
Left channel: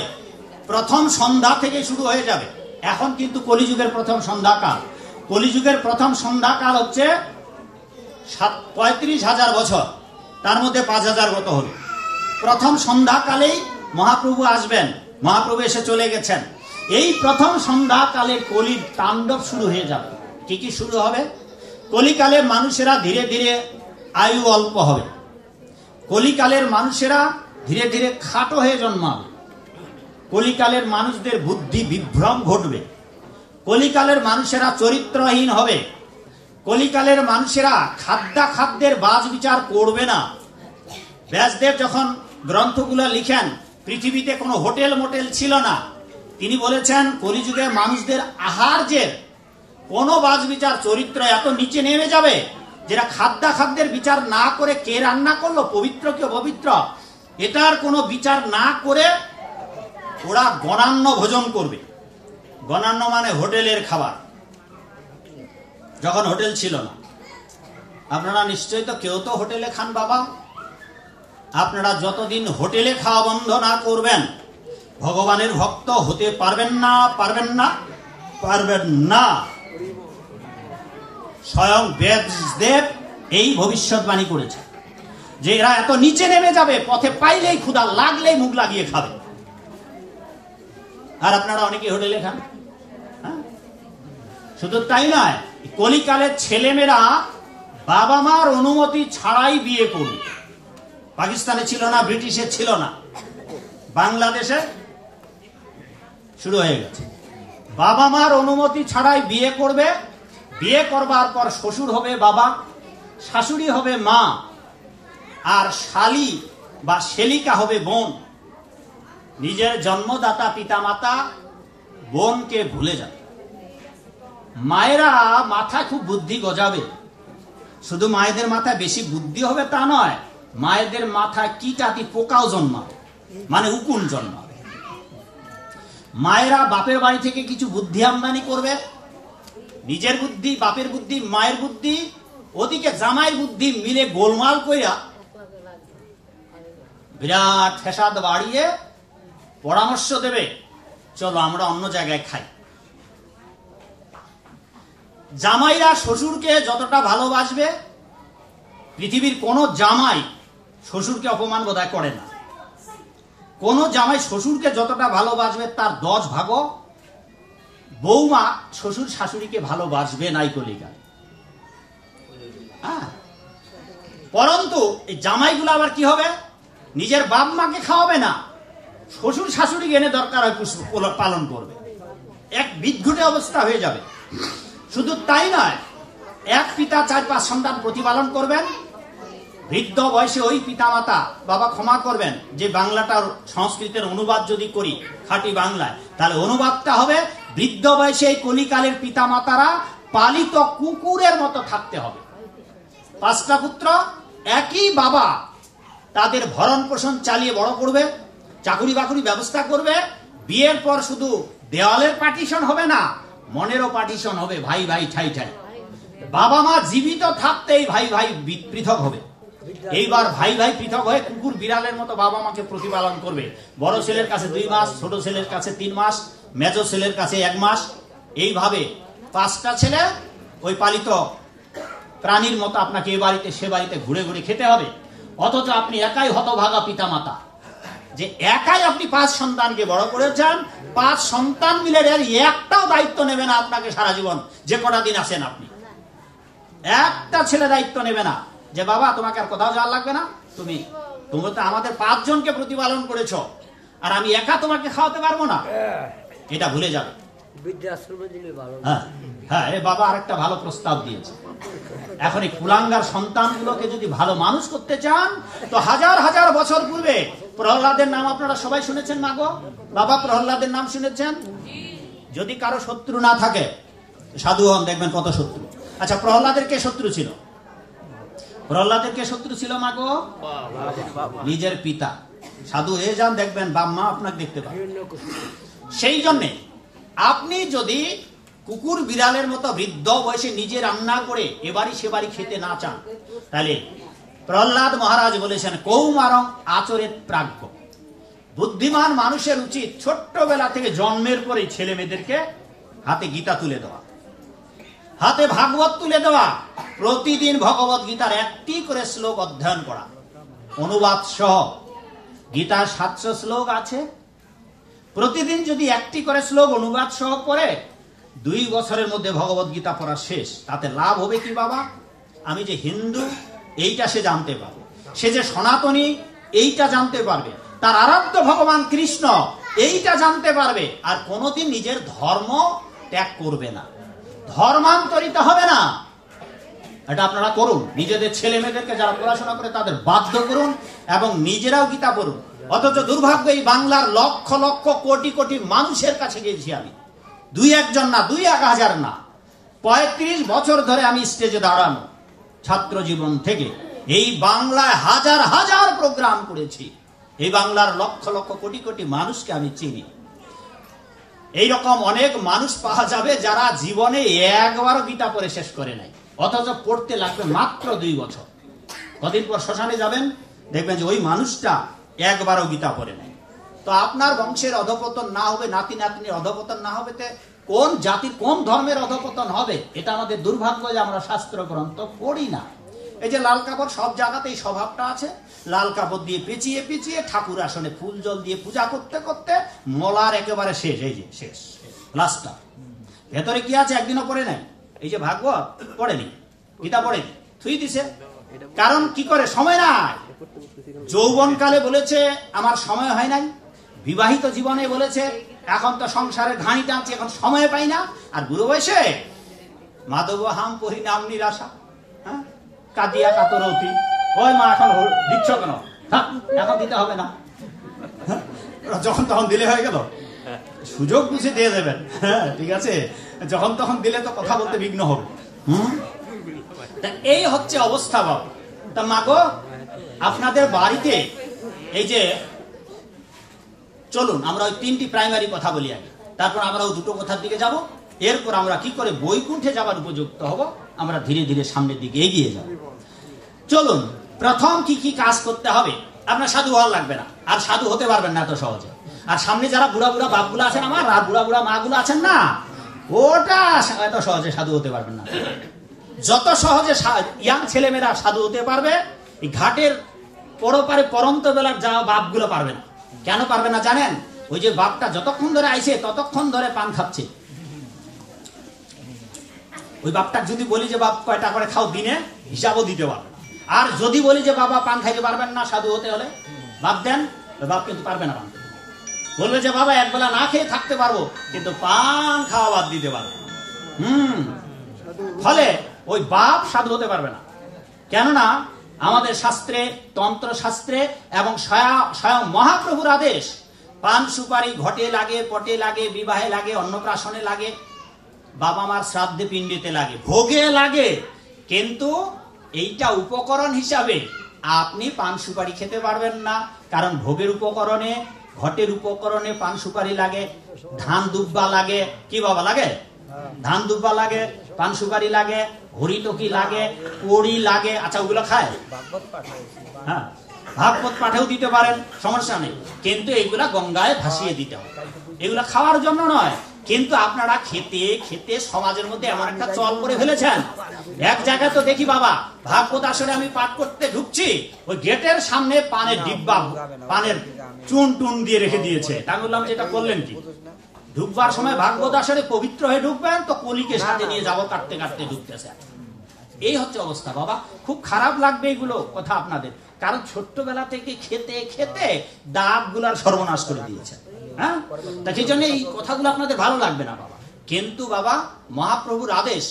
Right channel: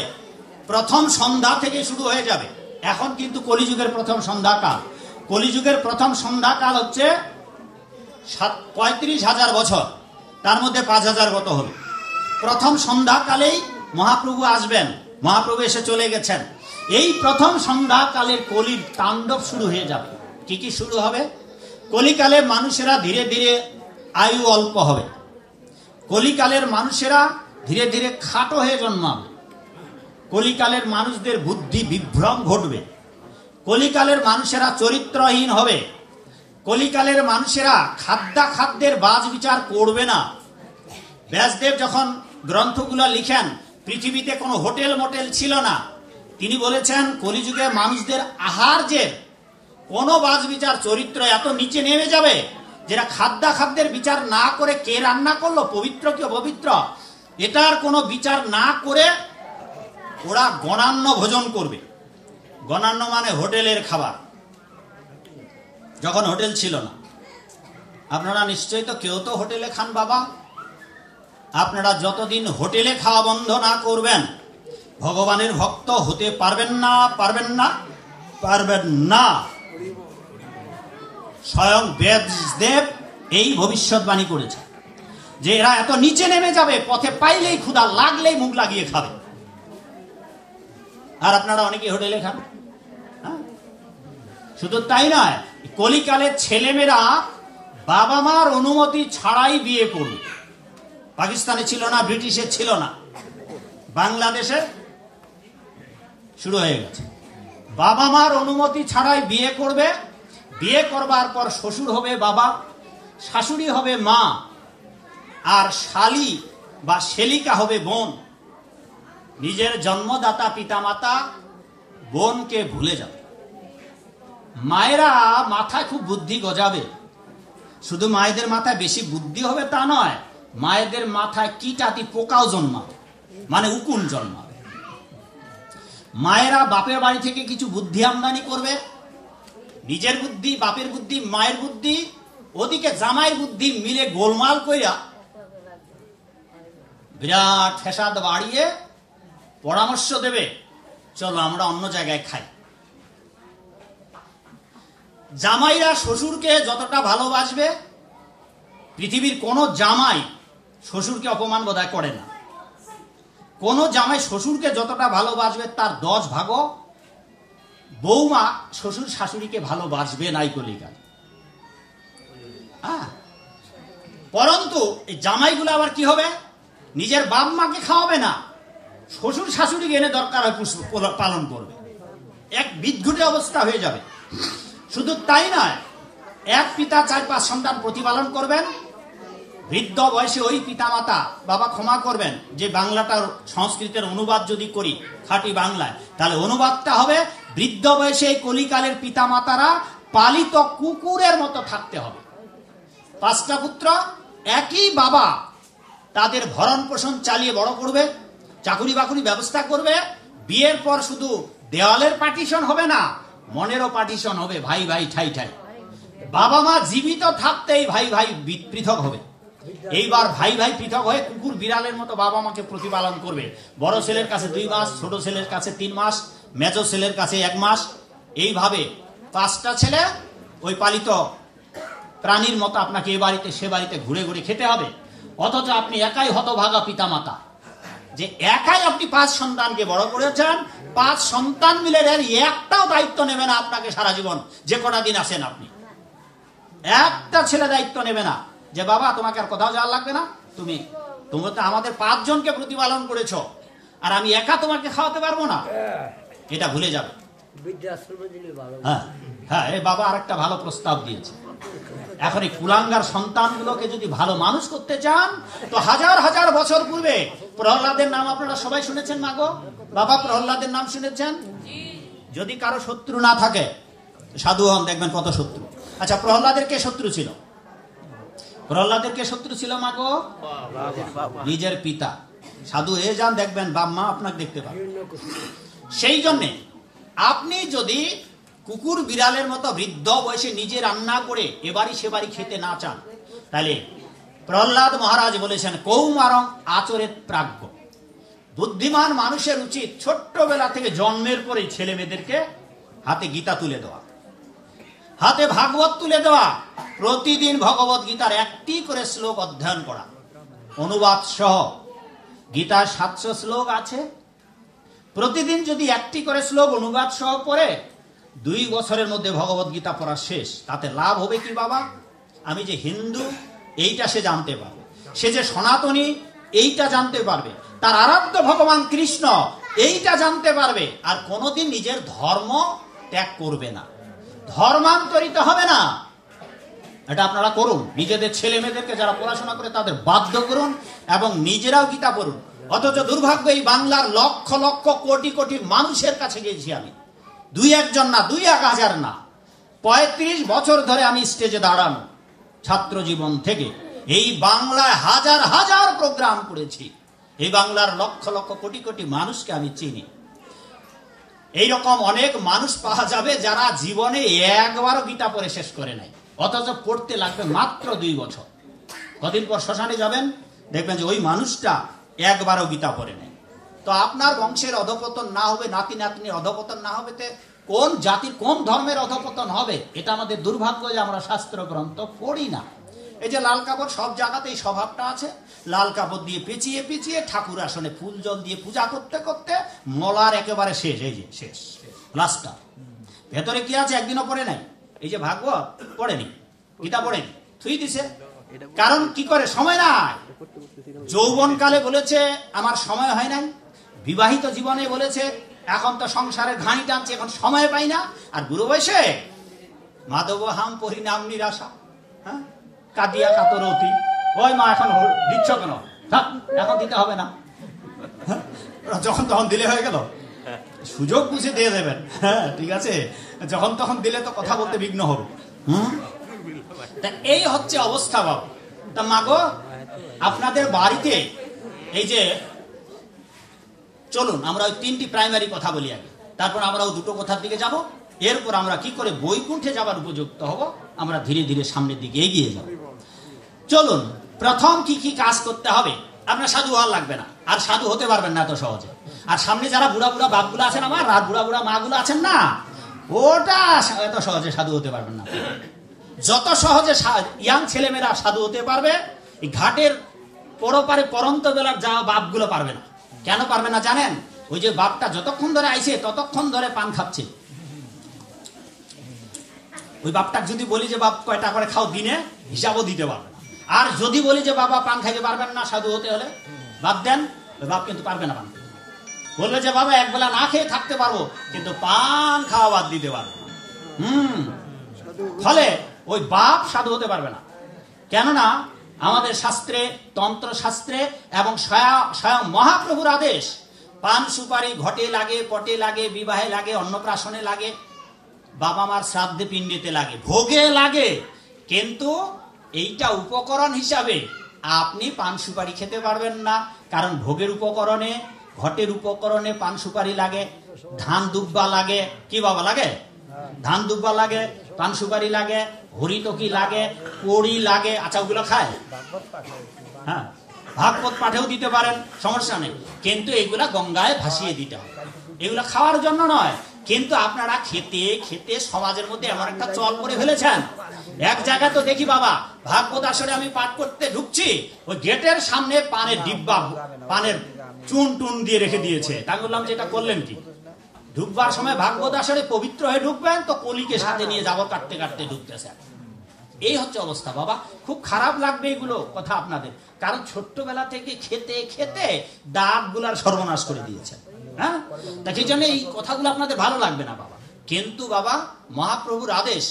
প্রথম সন্ধ্যা থেকে শুরু হয়ে যাবে। এখন কিন্তু কলিযুগের প্রথম সন্ধ্যাকাল, কলিযুগের প্রথম সন্ধ্যাকাল হচ্ছে 35,000 বছর, তার মধ্যে 5,000 গত হল। প্রথম সন্ধ্যাকালেই মহাপ্রভু আসবেন, মহাপ্রভু এসে চলে গেছেন। এই প্রথম সন্ধ্যাকালের কলির তাণ্ডব শুরু হয়ে যাবে। কি কি শুরু হবে? কলিকালে মানুষেরা ধীরে ধীরে আয়ু অল্প হবে, কলিকালের মানুষেরা ধীরে ধীরে খাটো হয়ে জন্মাবে, কলিকালের মানুষদের বুদ্ধি বিভ্রম ঘটবে, কলিকালের মানুষেরা চরিত্রহীন হবে, কলিকালের মানুষেরা খাদ্যের বাজ বিচার করবে না। ব্যাসদেব যখন গ্রন্থগুলো লিখেন, পৃথিবীতে কোনো হোটেল মোটেল ছিল না। তিনি বলেছেন কলিযুগে মানুষদের আহার্যের কোনো বাজ বিচার, চরিত্র এত নিচে নেমে যাবে যেটা খাদ্যের বিচার না করে কে রান্না করলো, পবিত্র কি অপবিত্র, এটার কোনো বিচার না করে ওরা গণান্য ভোজন করবে। গণান্য মানে হোটেলের খাবার, যখন হোটেল ছিল না। আপনারা নিশ্চয়ই তো কেউ তো হোটেলে খান বাবা। আপনারা যতদিন হোটেলে খাওয়া বন্ধ না করবেন, ভগবানের ভক্ত হতে পারবেন না, পারবেন না, পারবেন না। স্বয়ং ব্যাসদেব এই ভবিষ্যৎবাণী করেছে যে এরা এত নিচে নেমে যাবে, পথে পাইলেই ক্ষুধা লাগলেই মুখ লাগিয়ে খাবে। আর আপনারা অনেকে হোটেলে খান। শুধু তাই নয়, কলিকালের ছেলেমেয়েরা বাবা মার অনুমতি ছাড়াই বিয়ে করবে। পাকিস্তানে ছিল না, ব্রিটিশে ছিল না, বাংলাদেশে শুরু হয়ে গেছে। বাবা মার অনুমতি ছাড়াই বিয়ে করবে। বিয়ে করবার পর শ্বশুর হবে বাবা, শাশুড়ি হবে মা, আর শালি বা শেলিকা হবে বোন। নিজের জন্মদাতা পিতামাতা বোনকে ভুলে যাবে। মায়েরা মাথায় খুব বুদ্ধি গজাবে। শুধু মায়েদের মাথায় বেশি বুদ্ধি হবে তা নয়, মায়েদের মাথায় কীটাতি পোকাও জন্মাবে, মানে উকুন জন্মাবে। মায়েরা বাপের বাড়ি থেকে কিছু বুদ্ধি আমদানি করবে, নিজের বুদ্ধি, বাপের বুদ্ধি, মায়ের বুদ্ধি, ওদিকে জামাইয়ের বুদ্ধি মিলে গোলমাল কইরা বিরাট ফেসাদ বাড়িয়ে পরামর্শ দেবে, চলো আমরা অন্য জায়গায় খাই। জামাইরা শ্বশুরকে যতটা ভালোবাসবে, পৃথিবীর কোন জামাই শ্বশুরকে অপমান বোধহয় করে না। কোন জামাই শ্বশুরকে যতটা ভালোবাসবে তার 10 ভাগ বৌমা শ্বশুর শাশুড়িকে ভালোবাসবে নাই কলিকাল। পরন্তু এই জামাইগুলো আবার কি হবে, নিজের বাপ মাকে খাওয়াবে না, শ্বশুর শাশুড়ি এনে দরকার হয় পালন করবে। এক বিদঘুটে অবস্থা হয়ে যাবে। শুধু তাই নয়, এক পিতা 4-5 সন্তান প্রতিপালন করবেন। বৃদ্ধ বয়সে ওই পিতামাতা, বাবা ক্ষমা করবেন যে বাংলাটার সংস্কৃতের অনুবাদ যদি করি খাঁটি বাংলায়, তাহলে অনুবাদটা হবে বৃদ্ধ বয়সে এই কলিকালের পিতামাতারা পালিত কুকুরের মতো থাকতে হবে। 5টা পুত্র, একই বাবা তাদের ভরণ পোষণ চালিয়ে বড় করবে, চাকুরি বাকুরি ব্যবস্থা করবে। বিয়ের পর শুধু দেওয়ালের পার্টিশন হবে না, মনেরও পার্টিশন হবে, ভাই ভাই ঠাই ঠাই। বাবা মা জীবিত থাকতেই ভাই ভাই পৃথক হবে। এইবার ভাই ভাই পৃথক হয়ে কুকুর বিড়ালের মতো বাবা মাকে প্রতিপালন করবে। বড় ছেলের কাছে 2 মাস, ছোট ছেলের কাছে 3 মাস, মেজো ছেলের কাছে 1 মাস। এইভাবে 5টা ছেলে ওই পালিত প্রাণীর মতো আপনাকে এ বাড়িতে সে বাড়িতে ঘুরে ঘুরে খেতে হবে। অথচ আপনি একাই হতভাগা পিতামাতা, যে একাই আপনি 5 সন্তানকে বড় করেছেন। 5 সন্তান মিলে একটাও দায়িত্ব নেবে না আপনাকে সারা জীবন, যে কটা দিন আছেন আপনি। একটা ছেলে দায়িত্ব নেবে না যে বাবা তোমাকে আর কোথাও যাওয়া লাগবে না, তুমি তো আমাদের 5 জনকে প্রতিপালন করেছো, আর আমি একা তোমাকে খাওয়াতে পারবো না, এটা ভুলে যাবে। হ্যাঁ হ্যাঁ, এই বাবা আরেকটা ভালো প্রস্তাব দিয়েছে। এখন এই কুলাঙ্গার সন্তানগুলোকে যদি ভালো মানুষ করতে চান, তো হাজার হাজার বছর পূর্বে প্রহ্লাদের নাম আপনারা সবাই শুনেছেন না গো? বাবা প্রহ্লাদের নাম শুনেছেন? যদি কারো শত্রু না থাকে, সাধু হন, দেখবেন কত শত্রু। আচ্ছা, প্রহ্লাদের কে শত্রু ছিল? প্রহ্লাদের কে শত্রু ছিল মা গো? নিজের পিতা। সাধু হয়ে যান, দেখবেন বাপ মা আপনাকে দেখতে পাবেন। সেই জন্যে আপনি যদি কুকুর বিড়ালের মতো বৃদ্ধ বয়সে নিজে রান্না করে এবারই সেবারই খেতে না চান, তাহলে প্রহ্লাদ মহারাজ বলেছেন কৌমারং আচরেত প্রাজ্ঞ। বুদ্ধিমান মানুষের উচিত ছোট্টবেলা থেকে জন্মের পরে ছেলে মেয়েদেরকে হাতে গীতা তুলে দেওয়া, হাতে ভাগবত তুলে দেওয়া, প্রতিদিন ভগবত গীতার একটি করে শ্লোক অধ্যয়ন করা, অনুবাদ সহ। গীতার 700 শ্লোক আছে, প্রতিদিন যদি একটি করে শ্লোক অনুবাদ সহ পড়ে 2 বছরের মধ্যে ভগবত গীতা পড়া শেষ। তাতে লাভ হবে কি বাবা? আমি যে হিন্দু এইটা সে জানতে পারবে, সে যে সনাতনী এইটা জানতে পারবে, তার আরাধ্য ভগবান কৃষ্ণ এইটা জানতে পারবে, আর কোনোদিন নিজের ধর্ম ত্যাগ করবে না, ধর্মান্তরিত হবে না। এটা আপনারা করুন, নিজেদের ছেলে মেয়েদেরকে যারা পড়াশোনা করে তাদের বাধ্য করুন এবং নিজেরাও গীতা পড়ুন। অথচ দুর্ভাগ্য, এই বাংলার লক্ষ লক্ষ কোটি কোটি মানুষের কাছে গেছি আমি, 2-1 জন না, 2-1000 না, 35 বছর ধরে আমি স্টেজে দাঁড়ানো, ছাত্র জীবন থেকে এই বাংলায় হাজার হাজার প্রোগ্রাম করেছি। এই বাংলার লক্ষ লক্ষ কোটি কোটি মানুষকে আমি চিনি। এইরকম অনেক মানুষ পাওয়া যাবে যারা জীবনে একবারও গীতা পড়ে শেষ করে নাই, অথচ পড়তে লাগবে মাত্র 2 বছর। কদিন পর শ্মশানে যাবেন, দেখবেন যে ওই মানুষটা একবারও গীতা পড়ে নাই। তো আপনার বংশের অধপতন না হবে, নাতি নাতনির অধপতন না হবে, কোন জাতির কোন ধর্মের অধপতন হবে? এটা আমাদের দুর্ভাগ্য যে আমরা শাস্ত্র গ্রন্থ পড়ি না। এই যে লাল কাপড়, সব জায়গাতে এই স্বভাবটা আছে, লাল কাপড় দিয়ে পেঁচিয়ে পেঁচিয়ে ঠাকুর আসনে ফুল জল দিয়ে পূজা করতে করতে মলার একেবারে শেষ, এই যে শেষ লাস্টটা। ভেতরে কি আছে একদিনও পড়ে নাই। এই যে ভাগবত পড়েনি, গীতা পড়েনি, থুই দিছে। কারণ কি করে? সময় নাই। যৌবনকালে বলেছে আমার সময় হয় নাই, বিবাহিত জীবনে বলেছে এখন তো সংসারে ঘানি টানছে, এখন সময় পাই না, আর বুড়ো বয়সে মাধব হাম পরিণাম নিরাশা, হ্যাঁ, কাদিয়া কাতরতি, ওই মা এখন দিচ্ছ কেন, এখন দিতে হবে না, যখন তখন দিলে হয়ে গেল। সুযোগ বুঝে দিয়ে দেবেন, হ্যাঁ ঠিক আছে, যখন তখন দিলে তো কথা বলতে বিঘ্ন হবে। এই হচ্ছে অবস্থা বাবা। তা মাগো, আপনাদের বাড়িতে এই যে চলুন আমরা ওই 3টি প্রাইমারি কথা বলি আগে, তারপর আমরা ওই 2টো কথার দিকে যাব, এরপর আমরা কি করে বৈকুণ্ঠে যাবার উপযুক্ত হব, আমরা ধীরে ধীরে সামনের দিকে এগিয়ে যাব। চলুন, প্রথম কি কি কাজ করতে হবে। আপনার সাধু হওয়া লাগবে না, আর সাধু হতে পারবেন না এত সহজে। আর সামনে যারা বুড়া বুড়া বাপগুলো আছেন আমার, আর বুড়া বুড়া মাগুলো আছেন না, ওটা এত সহজে সাধু হতে পারবেন না। যত সহজে ইয়াং ছেলেমেয়েরা সাধু হতে পারবে, এই ঘাটের পরপারে পরন্ত বেলার যা বাপগুলো পারবে না। কেন পারবে না জানেন? ওই যে বাপটা যতক্ষণ ধরে আইছে ততক্ষণ ধরে পান খাচ্ছে। ওই বাপটা যদি বলি যে বাপ কয়টা করে খাও দিনে, হিসাবও দিতে পারবে না। আর যদি বলি যে বাবা পান খাইতে পারবেন না সাধু হতে হলে, বাদ দেন, ওই বাপ কিন্তু পারবে না পান। বলবে যে বাবা একবেলা না খেয়ে থাকতে পারবো, কিন্তু পান খাওয়া বাদ দিতে পারবো। ফলে ওই বাপ সাধু হতে পারবে না। কেননা আমাদের শাস্ত্রে, তন্ত্র শাস্ত্রে এবং স্বয়ং মহাপ্রভুর আদেশ, পান সুপারি ঘটে লাগে, পটে লাগে, বিবাহে লাগে, অন্নপ্রাশনে লাগে, বাবা মার শ্রাদ্ধে পিণ্ডিতে লাগে, ভোগে লাগে। কিন্তু এইটা উপকরণ হিসাবে আপনি পান সুপারি খেতে পারবেন না, কারণ ভোগের উপকরণে, ঘটের উপকরণে পান সুপারি লাগে, ধান দুব্বা লাগে। কি বাবা লাগে? ধান দুব্বা লাগে, পান সুপারি লাগে, হরিটকি লাগে, পড়ি লাগে। আচ্ছা, ওগুলো খায়? হ্যাঁ, ভাগবত পাঠেও দিতে পারেন, সমস্যা নেই, কিন্তু এগুলা গঙ্গায় ভাসিয়ে দিতে হবে। এগুলা খাওয়ার জন্য নয়, কিন্তু আপনারা খেতে খেতে সমাজের মধ্যে এমন একটা চল করে ফেলেছেন। এক জায়গায় তো দেখি বাবা, ভাগবত আসরে আমি পাঠ করতে ঢুকছি, ওই গেটের সামনে পানের ডিব্বা, পানের চুন টুন দিয়ে রেখে দিয়েছে। তাই বললাম যে এটা করলেন কি? ঢুকবার সময় ভাগবত আসরে পবিত্র হয়ে ঢুকবেন, তো কলিকে সাথে নিয়ে যাব কাটতে কাটতে ঢুকতেছে। এই হচ্ছে অবস্থা বাবা। খুব খারাপ লাগবে এগুলো কথা আপনাদের, কারণ ছোট্টবেলা থেকে খেতে খেতে দাঁত গুলার সর্বনাশ করে দিয়েছে। হ্যাঁ, তা সেই জন্য এই কথাগুলো আপনাদের ভালো লাগবে না বাবা। কিন্তু বাবা মহাপ্রভুর আদেশ,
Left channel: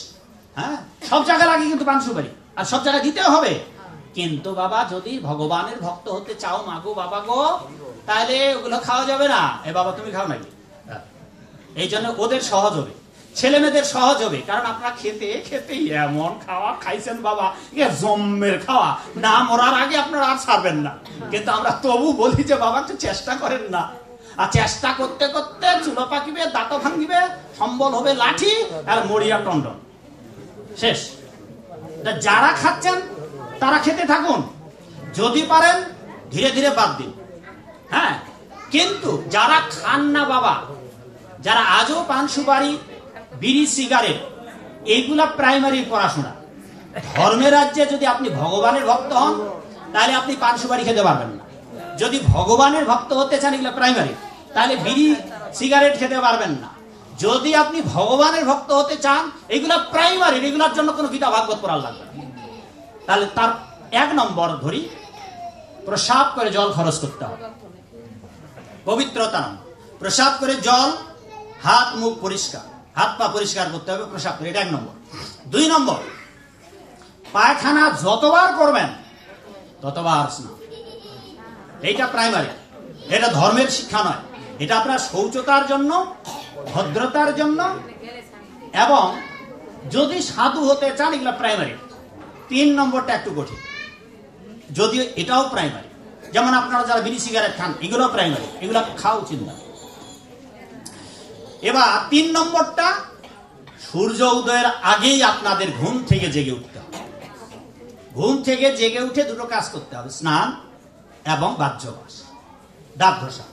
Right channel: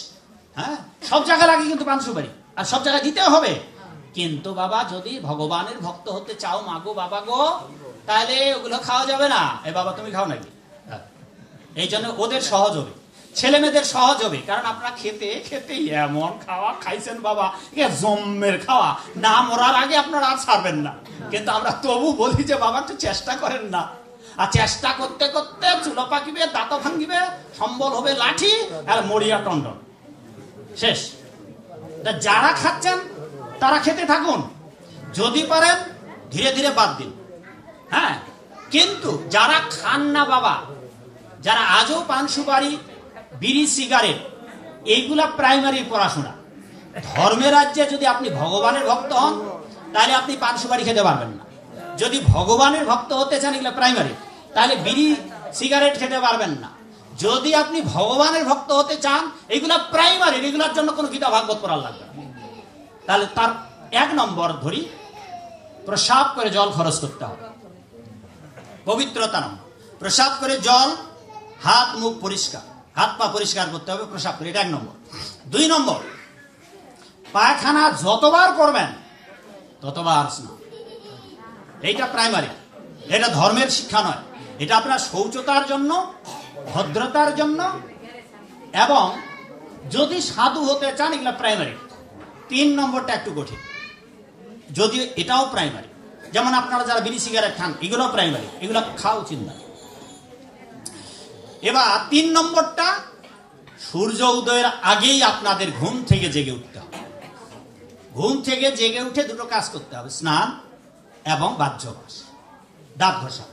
হ্যাঁ, সব জায়গায় লাগে কিন্তু পান সুপারি, আর সব জায়গায় দিতে হবে। কিন্তু বাবা যদি ভগবানের ভক্ত হতে চাও মাগো বাবা গো, তাহলে ওগুলো খাওয়া যাবে না। এ বাবা তুমি খাও নাকি? এই জন্য ওদের সহজ হবে, ছেলে মেয়েদের সহজ হবে, কারণ আপনারা খেতে খেতে এমন খাওয়া খাইছেন বাবা, জম্মের খাওয়া, না মরার আগে আপনারা আর ছাড়বেন না। কিন্তু আমরা তবু বলি যে বাবা একটু চেষ্টা করেন না। আর চেষ্টা করতে করতে চুলো পাকিবে, দাঁত ভাঙিবে, সম্বল হবে লাঠি, আর মরিয়া টন্ডন শেষ। যারা খাচ্ছেন তারা খেতে থাকুন, যদি পারেন ধীরে ধীরে বাদ দিন। হ্যাঁ, কিন্তু যারা খান না বাবা, যারা আজও পান সুপারি, বিড়ি, সিগারেট, এইগুলা প্রাইমারি পড়াশোনা। ধর্মের রাজ্যে যদি আপনি ভগবানের ভক্ত হন, তাহলে আপনি পান সুপারি খেতে পারবেন না। যদি ভগবানের ভক্ত হতে চান, এগুলা প্রাইমারি, তাহলে বিড়ি সিগারেট খেতে পারবেন না। যদি আপনি ভগবানের ভক্ত হতে চান, এগুলা প্রাইমারি, এগুলার জন্য কোনো গীতা ভাগবত পড়ার লাগবে না। তাহলে তার 1 নম্বর ধরি, প্রসাব করে জল খরচ করতে হবে, পবিত্রতা নাম। প্রসাব করে জল, হাত মুখ পরিষ্কার, হাত পা পরিষ্কার করতে হবে প্রসাব করে, এটা 1 নম্বর। 2 নম্বর, পায়খানা যতবার করবেন ততবার স্নান। এইটা প্রাইমারি, এটা ধর্মের শিক্ষা নয়, এটা আপনার শৌচতার জন্য, ভদ্রতার জন্য, এবং যদি সাধু হতে চান, এগুলা প্রাইমারি। 3 নম্বরটা একটু কঠিন, যদিও এটাও প্রাইমারি। যেমন আপনারা যারা বিড়ি সিগারেট খান, এগুলো প্রাইমারি, এগুলো খাওয়া উচিত না। এবার 3 নম্বরটা, সূর্য উদয়ের আগেই আপনাদের ঘুম থেকে জেগে উঠতে হবে। ঘুম থেকে জেগে উঠে 2টো কাজ করতে হবে, স্নান এবং বাহ্যবাস, দাঁত ঘষা।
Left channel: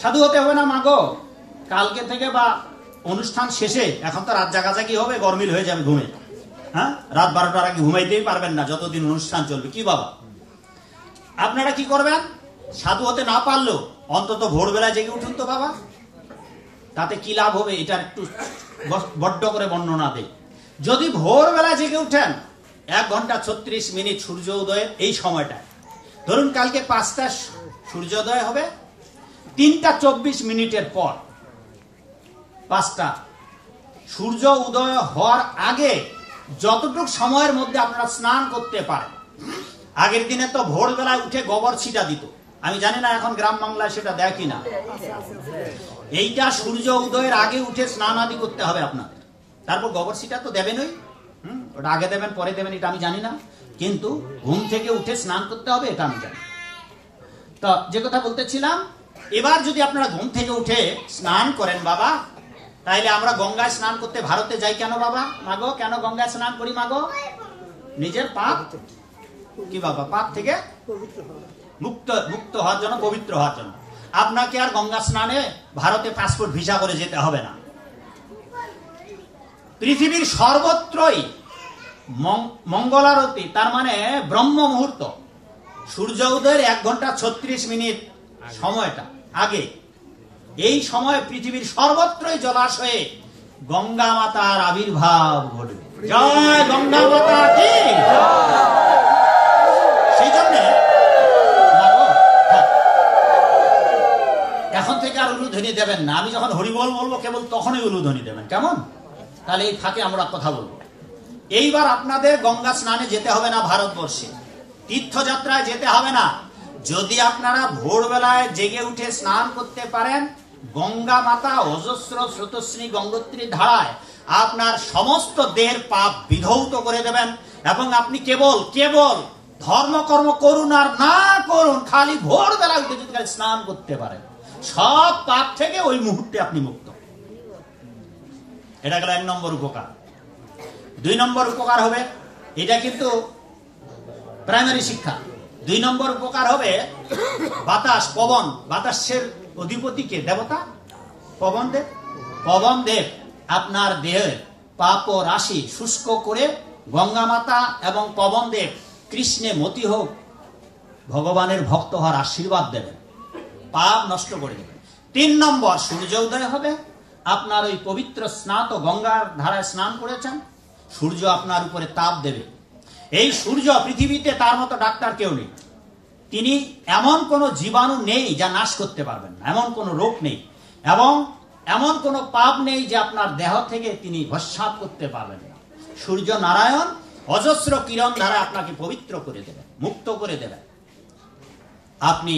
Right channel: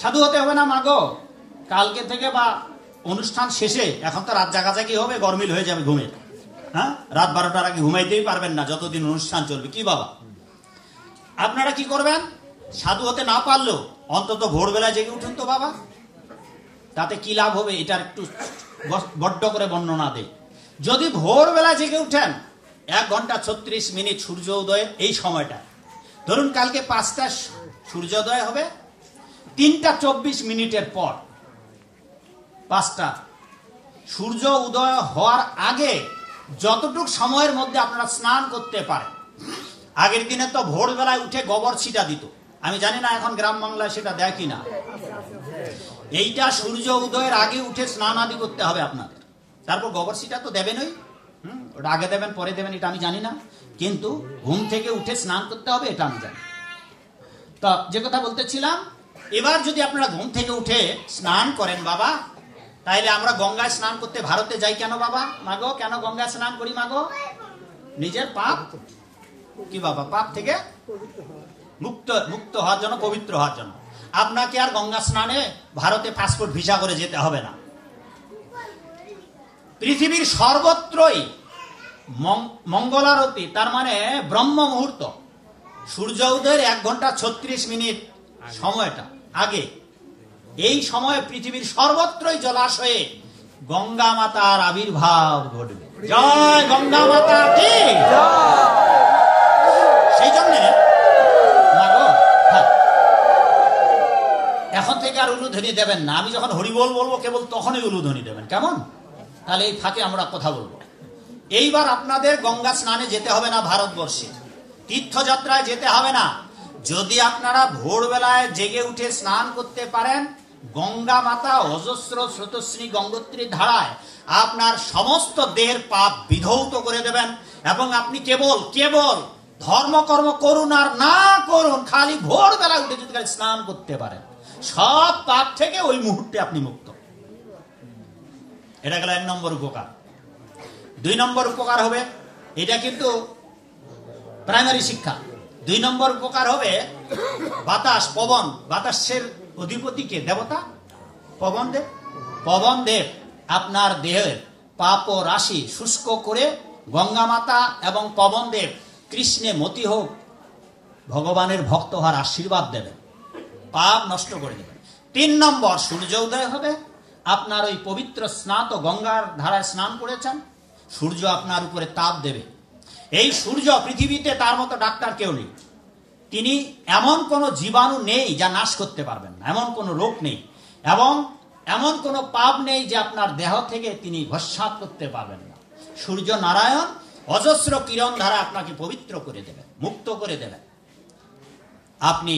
সাধু হতে হবে না মাগো, কালকে থেকে বা অনুষ্ঠান শেষে, এখন তো রাত জাগাজাগি হবে, গরমিল হয়ে যাবে ঘুমে। হ্যাঁ, রাত 12টার আগে ঘুমাইতেই পারবেন না যতদিন অনুষ্ঠান চলবে। কি বাবা, আপনারা কি করবেন? সাধু হতে না পারলেও অন্তত ভোরবেলায় জেগে উঠুন তো বাবা। তাতে কি লাভ হবে, এটার একটু বড্ড করে বর্ণনা দেই। যদি ভোরবেলা জেগে উঠেন, 1 ঘন্টা 36 মিনিট সূর্য উদয়ের এই সময়টায়, ধরুন কালকে 5টায় সূর্যোদয় হবে, 3টা 24 মিনিটের পর 5টা, সূর্য উদয় হওয়ার আগে যতটুক সময়ের মধ্যে আপনারা স্নান করতে পারেন। আগের দিনে তো ভোরবেলায় উঠে গোবর ছিটা দিত, আমি জানি না এখন গ্রাম বাংলায় সেটা দেয় কিনা। এইটা সূর্য উদয়ের আগে উঠে স্নান আদি করতে হবে আপনাদের। তারপর গোবর ছিটা তো দেবেনই, ওটা আগে দেবেন পরে দেবেন এটা আমি জানি না, কিন্তু ঘুম থেকে উঠে স্নান করতে হবে এটা আমি জানি। তো যে কথা বলতেছিলাম, এবার যদি আপনারা ঘুম থেকে উঠে স্নান করেন বাবা, তাইলে আমরা গঙ্গায় স্নান করতে ভারতে যাই কেন বাবা? মাগো কেন গঙ্গায় স্নান করি মাগো? নিজের পাপ, কি বাবা, পাপ থেকে মুক্ত হওয়ার জন্য, পবিত্র হওয়ার জন্য। আপনাকে আর গঙ্গা স্নানে ভারতে পাসপোর্ট ভিসা করে যেতে হবে না। পৃথিবীর সর্বত্রই মঙ্গলারতি, তার মানে ব্রহ্ম মুহূর্ত, সূর্য উদয়ের 1 ঘন্টা 36 মিনিট সময়টা আগে, এই সময় পৃথিবীর সর্বত্রই জলাশয়ে গঙ্গা মাতার আবির্ভাব ঘটবে। জয় গঙ্গা মাতা কি। সেই জন্য এখন থেকে আর উলুধ্বনি দেবেন না। আমি যখন হরিবোল বলবো কেবল তখনই উলুধ্বনি দেবেন, কেমন? তাহলে এই ফাঁকে আমরা কথা বলবো। এইবার আপনাদের গঙ্গা স্নানে যেতে হবে না, ভারতবর্ষে তীর্থযাত্রায় যেতে হবে না। যদি আপনারা ভোরবেলায় জেগে উঠে স্নান করতে পারেন, গঙ্গা মাতা অজস্র স্রোতস্বিনী গঙ্গোত্রীর ধারায় আপনার সমস্ত দেহের পাপ বিধৌত করে দেবেন, এবং আপনি কেবল ধর্মকর্ম করুন আর না করুন, খালি ভোরবেলায় উঠে যদি স্নান করতে পারেন, সব পাপ থেকে ওই মুহূর্তে আপনি মুক্ত। এটা গেল 1 নম্বর উপকার। 2 নম্বর উপকার হবে, এটা কিন্তু প্রাইমারি শিক্ষা। 2 নম্বর উপকার হবে, বাতাস, পবন, বাতাসের অধিপতিকে দেবতা পবন দেব আপনার দেহের পাপ ও রাশি শুষ্ক করে গঙ্গা মাতা এবং পবন দেব কৃষ্ণে মতি হোক, ভগবানের ভক্ত হওয়ার আশীর্বাদ দেবেন, পাপ নষ্ট করে দেবেন। 3 নম্বর, সূর্য উদয় হবে, আপনার ওই পবিত্র স্নাত গঙ্গার ধারায় স্নান করেছেন, সূর্য আপনার উপরে তাপ দেবে। এই সূর্য পৃথিবীতে তার মতো ডাক্তার কেউ নেই। তিনি এমন কোন জীবাণু নেই যা নাশ করতে পারবেন না, এমন কোন রোগ নেই এবং এমন কোন পাপ নেই যে আপনার দেহ থেকে তিনি ভস্মাত করতে পারবেন না। সূর্য নারায়ণ অজস্র কিরণ দ্বারা আপনাকে পবিত্র করে দেবেন, মুক্ত করে দেবেন। আপনি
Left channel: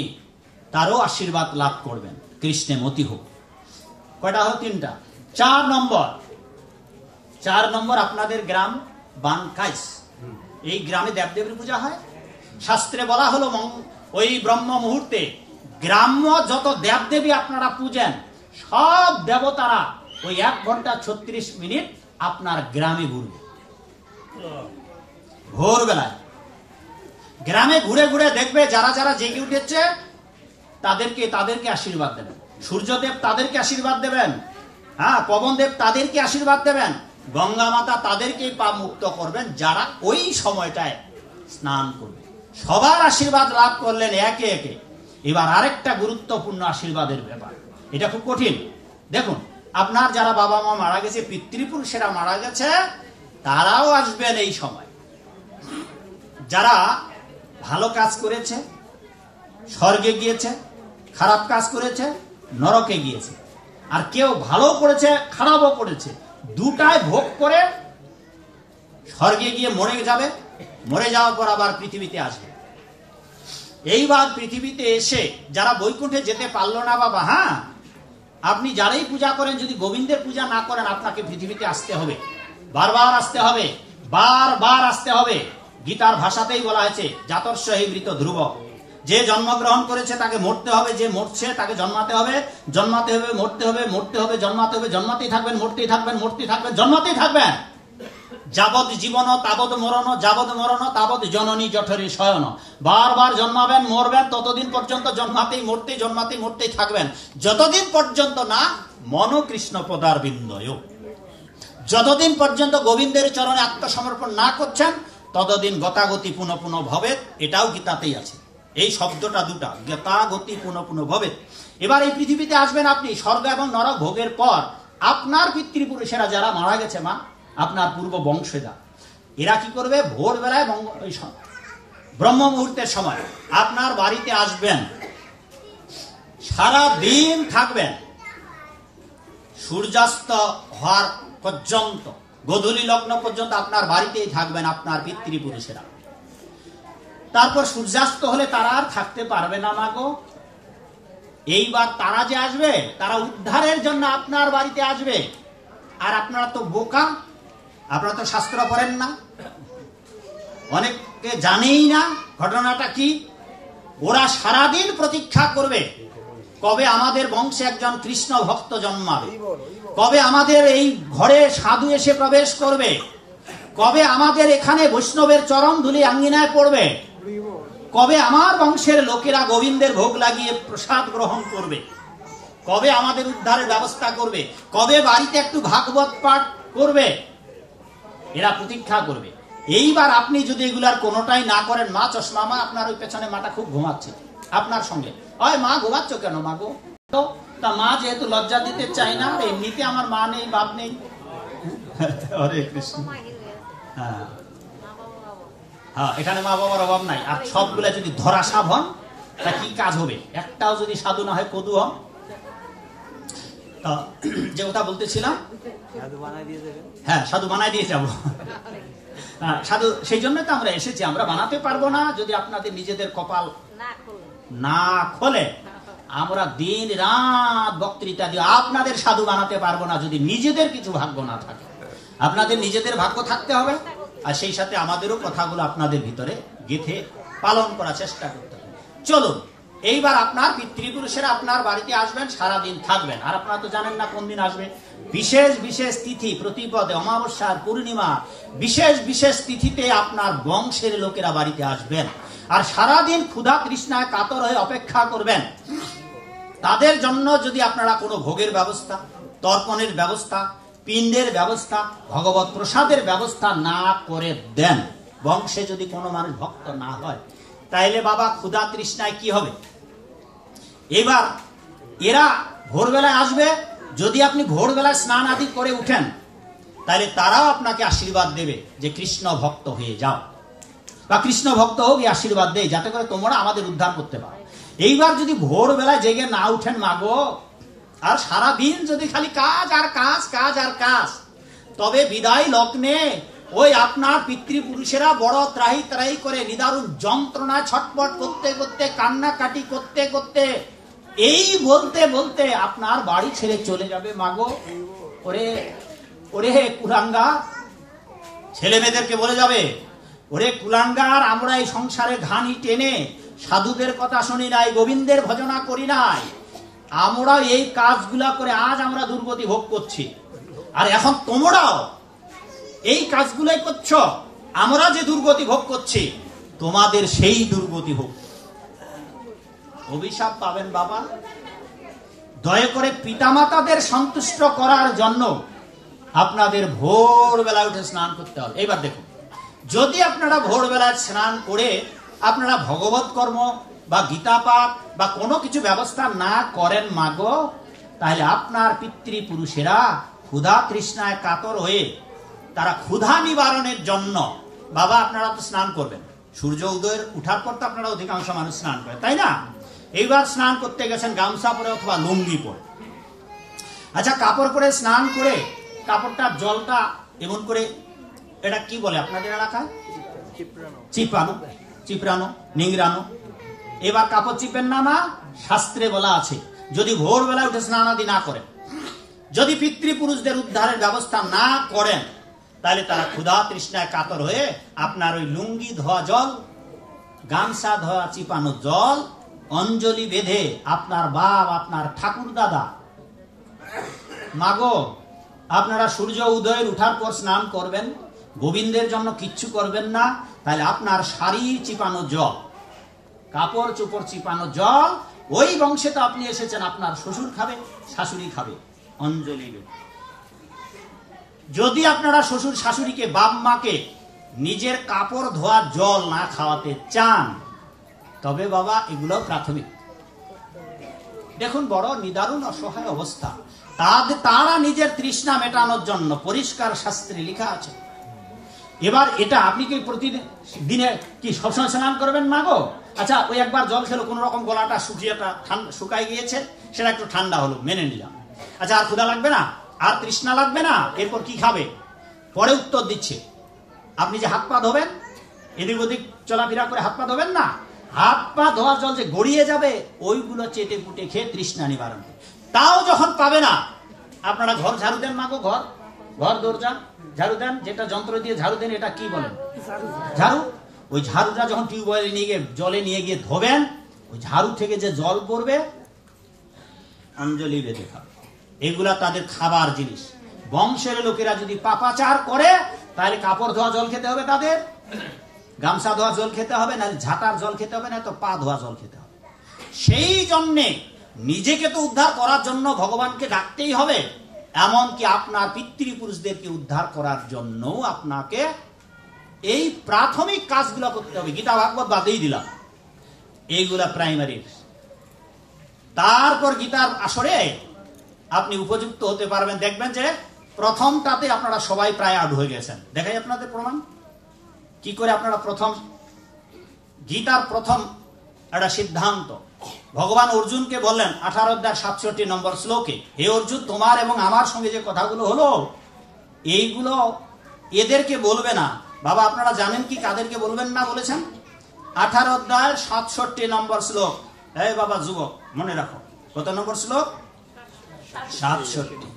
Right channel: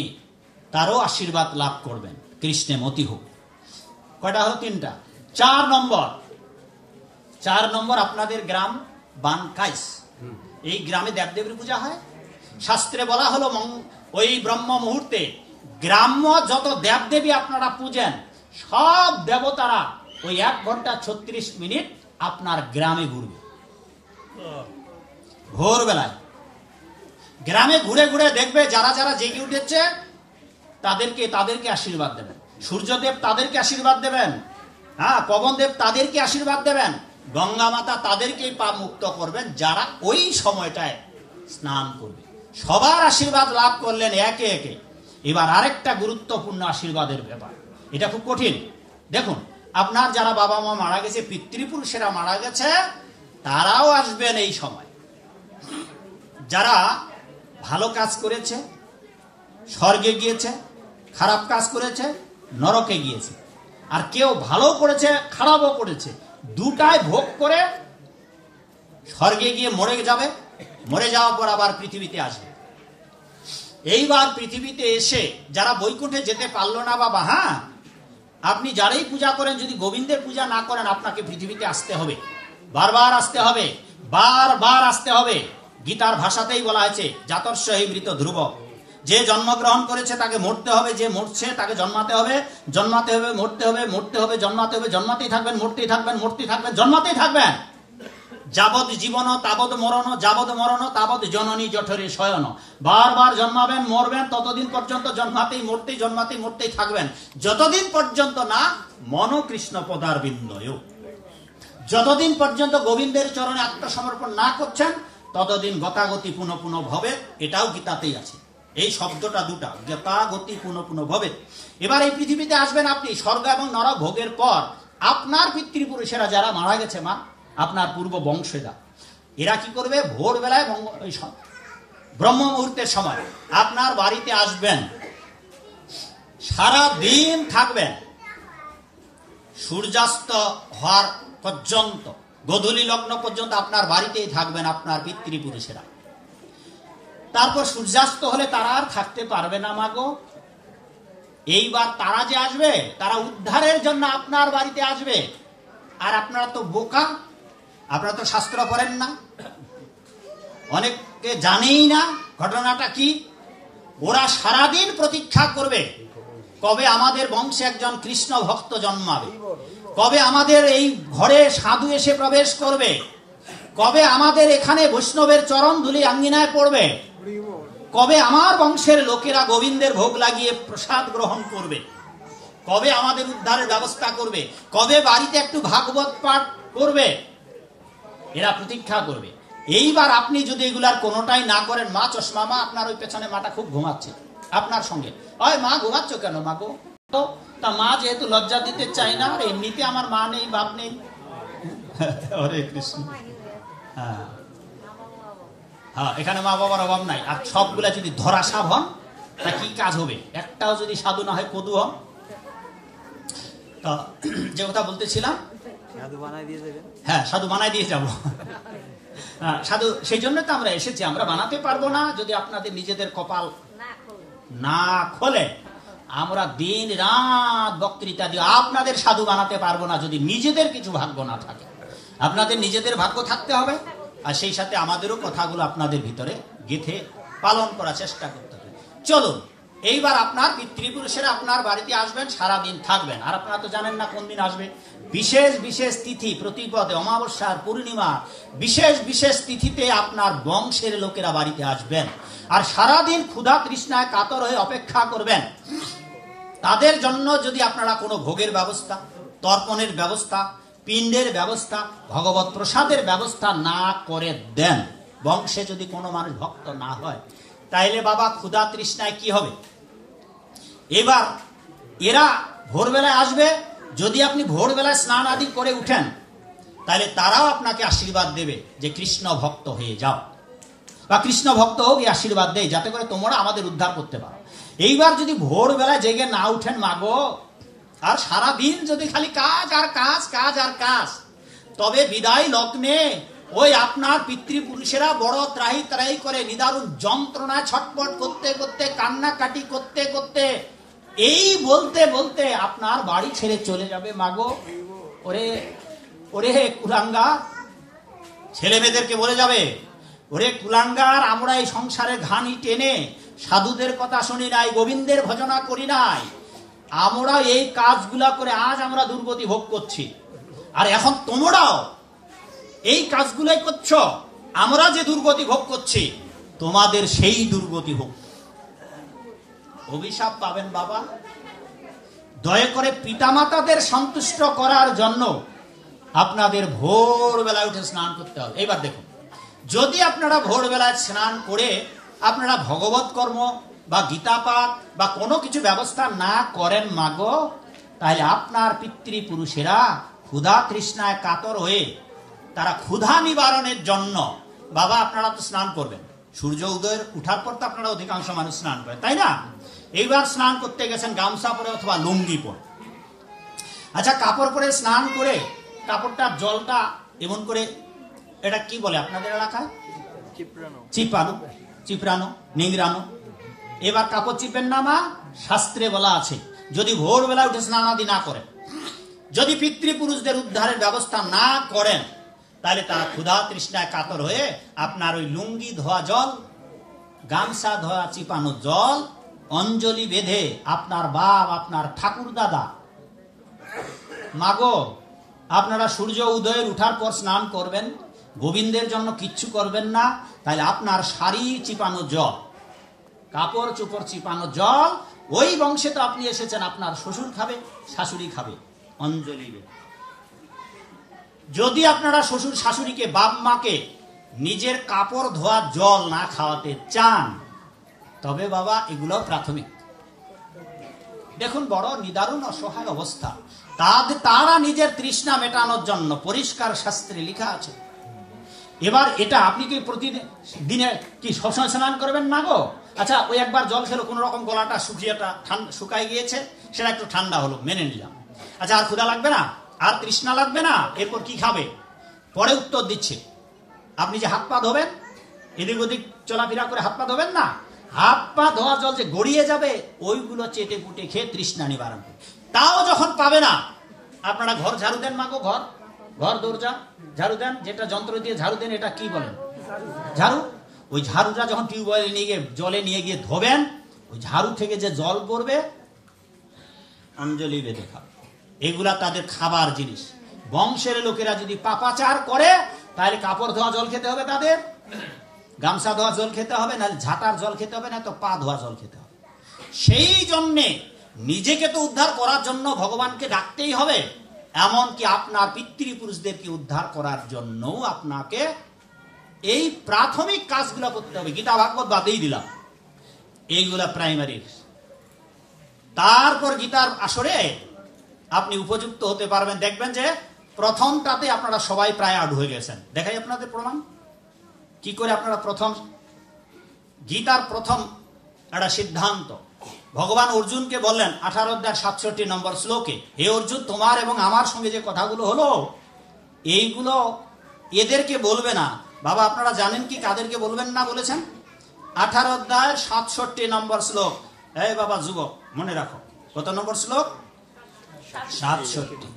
তারও আশীর্বাদ লাভ করবেন। কৃষ্ণে মতি হোক। কয়টা হলো? 3টা। 4 নম্বর আপনাদের গ্রাম বানকাইস। এই গ্রামে দেবদেবীর পূজা হয়। শাস্ত্রে বলা হলো ওই ব্রহ্ম মুহূর্তে গ্রাম্য যত দেবদেবী আপনারা পূজেন সব দেবতারা ওই 1 ঘন্টা 36 মিনিট আপনার গ্রামে ঘুরবে। ভোরবেলায় গ্রামে ঘুরে ঘুরে দেখবে যারা যারা জেগে উঠেছে তাদেরকে আশীর্বাদ দেবেন। সূর্যদেব তাদেরকে আশীর্বাদ দেবেন, হ্যাঁ, পবনদেব তাদেরকে আশীর্বাদ দেবেন, গঙ্গা মাতা তাদেরকেই পাপ মুক্ত করবেন যারা ওই সময়টায় স্নান করবে। সবার আশীর্বাদ লাভ করলেন একে একে। এবার আরেকটা গুরুত্বপূর্ণ আশীর্বাদের ব্যাপার, এটা খুব কঠিন। দেখুন, আপনার যারা বাবা মা মারা গেছে, পিতৃপুরুষেরা মারা গেছে, তারাও আসবেন এই সময়। যারা ভালো কাজ করেছে স্বর্গে গিয়েছে, খারাপ কাজ করেছে নরকে গিয়েছে। আর কেউ ভালো করেছে খারাপও করেছে, দুটাই ভোগ করে স্বর্গে গিয়ে মরে যাবে। মরে যাওয়ার পর আবার পৃথিবীতে আসবে। এইবার পৃথিবীতে এসে যারা বৈকুণ্ঠে যেতে পারলো না বাবা, হ্যাঁ, আপনি যারাই পূজা করেন, যদি গোবিন্দের পূজা না করেন আপনাকে পৃথিবীতে আসতে হবে, বারবার আসতে হবে, বারবার আসতে হবে। গীতার ভাষাতেই বলা হয়েছে জাতস্য হি মৃত ধ্রুব। যে জন্মগ্রহণ করেছে তাকে মরতে হবে, যে মরছে তাকে জন্মাতে হবে, জন্মাতে হবে, মরতে হবে, মরতে হবে, জন্মাতে হবে, জন্মাতেই থাকবেন, মরতেই থাকবেন, মরতেই থাকবেন, জন্মাতেই থাকবেন। যাবৎ জীবন তাবৎ মরণ, যাবৎ মরণ তাবৎ জননী জঠরে শয়ন। বারবার জন্মাবেন, মরবেন, ততদিন পর্যন্ত জন্মাতেই মরতেই জন্মাতেই মরতেই থাকবেন, যতদিন পর্যন্ত না মন কৃষ্ণ পদার বিন্দয়। যতদিন পর্যন্ত গোবিন্দের চরণে আত্মসমর্পণ না করছেন ততদিন গতাগতি পুনঃ পুনঃ ভবেৎ। এটাও গীতাতেই আছে, এই শব্দটা দুটা, গতাগতি পুনঃ পুনঃ ভবেৎ। এবার এই পৃথিবীতে আসবেন আপনি স্বর্গ এবং নরক ভোগের পর। আপনার পিতৃপুরুষেরা যারা মারা গেছে মা, আপনার পূর্ব বংশেরা, এরা কি করবে? ভোরবেলায় ব্রহ্ম মুহূর্তের সময় আপনার বাড়িতে আসবেন, সারা দিন থাকবেন, সূর্যাস্ত হওয়ার পর্যন্ত, গোধূলি লগ্ন পর্যন্ত আপনার বাড়িতেই থাকবেন আপনার পিতৃপুরুষেরা। তারপর সূর্যাস্ত হলে তারা আর থাকতে পারবে না মাগো। এইবার তারা যে আসবে, তারা উদ্ধারের জন্য আপনার বাড়িতে আসবে। আর আপনারা তো বোকা, আপনারা তো শাস্ত্র পড়েন না, অনেকে জানেই না ঘটনাটা কি। ওরা সারাদিন প্রতীক্ষা করবে কবে আমাদের বংশে একজন কৃষ্ণ ভক্ত জন্মাবে, কবে আমাদের এই ঘরে সাধু এসে প্রবেশ করবে, কবে আমাদের এখানে বৈষ্ণবের চরণ ধুলি আঙ্গিনায় পড়বে, কবে আমার বংশের লোকেরা গোবিন্দের ভোগ লাগিয়ে প্রসাদ গ্রহণ করবে, কবে আমাদের উদ্ধারের ব্যবস্থা করবে, কবে বাড়িতে একটু ভাগবত পাঠ করবে। এরা প্রতীক্ষা করবে। এইবার আপনি যদি এগুলার কোনোটাই না করেন, মা চশমা মা, আপনার ওই পেছনে মাটা খুব ঘুমাচ্ছে আপনার সঙ্গে, ওই মা ঘুমাচ্ছ কেন মা গো? তা মা যেহেতু লজ্জা দিতে চাই না, এমনিতে আমার মা নেই বাপ নেই। হরে কৃষ্ণ। হ্যাঁ হ্যাঁ, এখানে মা বাবার অভাব নাই। আর সবগুলা যদি ধরাসাপ হন তা কি কাজ হবে? একটাও যদি সাধু না হয় কদু হন। যে কথা বলতেছিলাম, হ্যাঁ, সাধু বানাই দিয়ে যাবো। সাধু সেই জন্য তো আমরা এসেছি। আমরা বানাতে পারবো না যদি আপনাদের নিজেদের কপাল না খোলে। আমরা দিন রাত বক্তৃতা দিয়ে আপনাদের সাধু বানাতে পারবো না যদি নিজেদের কিছু ভাগ্য না থাকে। আপনাদের নিজেদের ভাগ্য থাকতে হবে, আর সেই সাথে আমাদেরও কথাগুলো আপনাদের ভিতরে গেঁথে পালন করার চেষ্টা করতে হবে। চলুন, এইবার আপনার পিতৃপুরুষেরা আপনার বাড়িতে আসবেন, সারাদিন থাকবেন। আর আপনারা তো জানেন না কোন দিন আসবে। বিশেষ বিশেষ তিথি, প্রতিপদে, অমাবস্যার, পূর্ণিমা, বিশেষ বিশেষ তিথিতে আপনার বংশের লোকেরা বাড়িতে আসবেন। আর সারাদিন ক্ষুধা তৃষ্ণায় কাতর হয়ে অপেক্ষা করবেন। তাদের জন্য যদি আপনারা কোনো ভোগের ব্যবস্থা, তর্পণের ব্যবস্থা, পিণ্ডের ব্যবস্থা, ভগবত প্রসাদের ব্যবস্থা না করে দেন, বংশে যদি কোনো মানুষ ভক্ত না হয়, তাইলে বাবা ক্ষুধা তৃষ্ণায় কি হবে? এবার এরা ভোরবেলায় আসবে। যদি আপনি ভোরবেলায় স্নান আদি করে উঠেন, তাহলে তারাও আপনাকে আশীর্বাদ দেবে যে কৃষ্ণ ভক্ত হয়ে যাও, বা কৃষ্ণ ভক্ত হোক, এই আশীর্বাদ দেয় যাতে করে তোমরা আমাদের উদ্ধার করতে পারো। এইবার যদি ভোরবেলায় জেগে না উঠেন মাগো, আর সারাদিন যদি খালি কাজ আর কাজ, কাজ আর কাজ, তবে বিদায় লগ্নে ওই আপনার পিতৃপুরুষেরা বড় ত্রাহি ত্রাহি করে নিদারুণ যন্ত্রণা ছটপট করতে করতে, কান্নাকাটি করতে করতে, এই বলতে বলতে আপনার বাড়ি ছেড়ে চলে যাবে মাগো। ওরে ওরে কুলাঙ্গা, ছেলে মেয়েদেরকে বলে যাবে, ওরে কুলাঙ্গার, আমরা এই সংসারে ঘানি টেনে সাধুদের কথা শুনি নাই, গোবিন্দের ভজনা করি নাই, আমরা এই কাজগুলা করে আজ আমরা দুর্গতি ভোগ করছি, আর এখন তোমরাও এই কাজগুলাই করছো, আমরা যে দুর্গতি ভোগ করছি তোমাদের সেই দুর্গতি ভোগ। অভিশাপ পাবেন বাবা। দয়া করে পিতামাতাদের সন্তুষ্ট করার জন্য আপনাদের ভোরবেলায় উঠে স্নান করতে হবে। এইবার দেখুন, যদি আপনারা ভোরবেলায় স্নান করে আপনারা ভগবত কর্ম বা গীতা পাঠ বা কোনো কিছু ব্যবস্থা না করেন মাগো, তাহলে আপনার পিতৃপুরুষেরা ক্ষুধা তৃষ্ণায় কাতর হয়ে তারা ক্ষুধা নিবারণের জন্য, বাবা আপনারা তো স্নান করবেন, সূর্য উদয়ের উঠার পর তো আপনারা অধিকাংশ মানুষ স্নান করে, তাই না? এইবার স্নান করতে গেছেন গামছা পরে অথবা লুঙ্গি পরে। আচ্ছা, কাপড় পরে স্নান করে কাপড়টার জলটা এমন করে, এটা কি বলে আপনাদের এলাকায়? চিপানো, চিপড়ানো, নিংড়ানো। এবার কাপড় চিপেন না মা, শাস্ত্রে বলা আছে যদি ভোরবেলা উঠে স্নান আদি না করেন, যদি পিতৃপুরুষদের উদ্ধারের ব্যবস্থা না করেন, তাহলে তারা ক্ষুধা তৃষ্ণায় কাতর হয়ে আপনার ওই লুঙ্গি ধোয়া জল, গামছা ধোয়া চিপানো জল অঞ্জলি বেঁধে আপনার বাপ, আপনার ঠাকুর দাদা, মাগো আপনারা সূর্য উদয়ের উঠার পর স্নান করবেন, গোবিন্দের জন্য কিচ্ছু করবেন না, তাহলে আপনার শাড়ি চিপানো জল, কাপড় চোপড় চিপানো জল, ওই বংশে তো আপনি এসেছেন, আপনার শ্বশুর খাবে, শাশুড়ি খাবে, অঞ্জলি বেঁধে। যদি আপনারা শ্বশুর শাশুড়িকে, বাপ মাকে নিজের কাপড় ধোয়া জল না খাওয়াতে চান, তবে বাবা এগুলো প্রাথমিক। দেখুন বড় নিদারুণ অসহায় অবস্থা, তারা নিজের তৃষ্ণা মেটানোর জন্য পরিষ্কার শাস্ত্রে লেখা আছে। এবার এটা আপনি কি প্রতিদিন দিনে কি সবসময় স্নান করবেন না গো? আচ্ছা, ওই একবার জল খেলো, কোন রকম গলাটা শুকাই গিয়েছে, সেটা একটু ঠান্ডা হলো, মেনে নিলাম। আচ্ছা, আর ক্ষুধা লাগবে না, আর তৃষ্ণা লাগবে না, এরপর কি খাবে? পরে উত্তর দিচ্ছে, আপনি যে হাত পা ধোবেন, এদিক ওদিক চলাফেরা করে হাত পা ধোবেন না, হাত পা ধোয়া জল যে গড়িয়ে যাবে, ওইগুলো চেটে পুটে খেয়ে তৃষ্ণা নিবারণ করে। তাও যখন পাবে না, আপনারা ঘর ঝাড়ু দেন মাগো, ঘর দরজা ঝাড়ু দেন, যেটা যন্ত্র দিয়ে ঝাড়ু দেন, এটা কি বলেন? ঝাড়ু। ওই ঝাড়ুটা যখন টিউবওয়েলে নিয়ে গিয়ে জলে নিয়ে গিয়ে ধোবেন, ওই ঝাড়ু থেকে যে জল পড়বে, অঞ্জলি বেঁধে খাবে। এগুলা তাদের খাবার জিনিস। বংশের লোকেরা যদি পাপাচার করে, তাহলে কাপড় ধোয়া জল খেতে হবে, তাদের গামছা ধোয়া জল খেতে হবে, না ঝাঁটার জল খেতে হবে, না তো পা ধোয়া জল খেতে হবে। সেই জন্যে নিজেকে তো উদ্ধার করার জন্য ভগবানকে ডাকতেই হবে, এমনকি আপনার পিতৃপুরুষদেরকে উদ্ধার করার জন্য আপনাকে এই প্রাথমিক কাজগুলো করতে হবে। গীতা ভাগবত বাদেই দিলাম, এইগুলা প্রাইমারি। তারপর গীতার আসরে আপনি উপযুক্ত হতে পারবেন। দেখবেন যে প্রথমটাতে আপনারা সবাই প্রায় আউট হয়ে গেছেন। দেখাই আপনাদের প্রমাণ কি করে আপনারা প্রথম, গীতার প্রথম একটা সিদ্ধান্ত ভগবান অর্জুনকে বললেন 18 অধ্যায় 67 নম্বর শ্লোকে, হে অর্জুন, তোমার এবং আমার সঙ্গে যে কথাগুলো হলো, এইগুলো এদেরকে বলবে না। বাবা আপনারা জানেন কি কাদেরকে বলবেন না বলেছেন? 18 অধ্যায় 67 নম্বর শ্লোক। এই বাবা যুবক মনে রাখো, কত নম্বর শ্লোক? 67।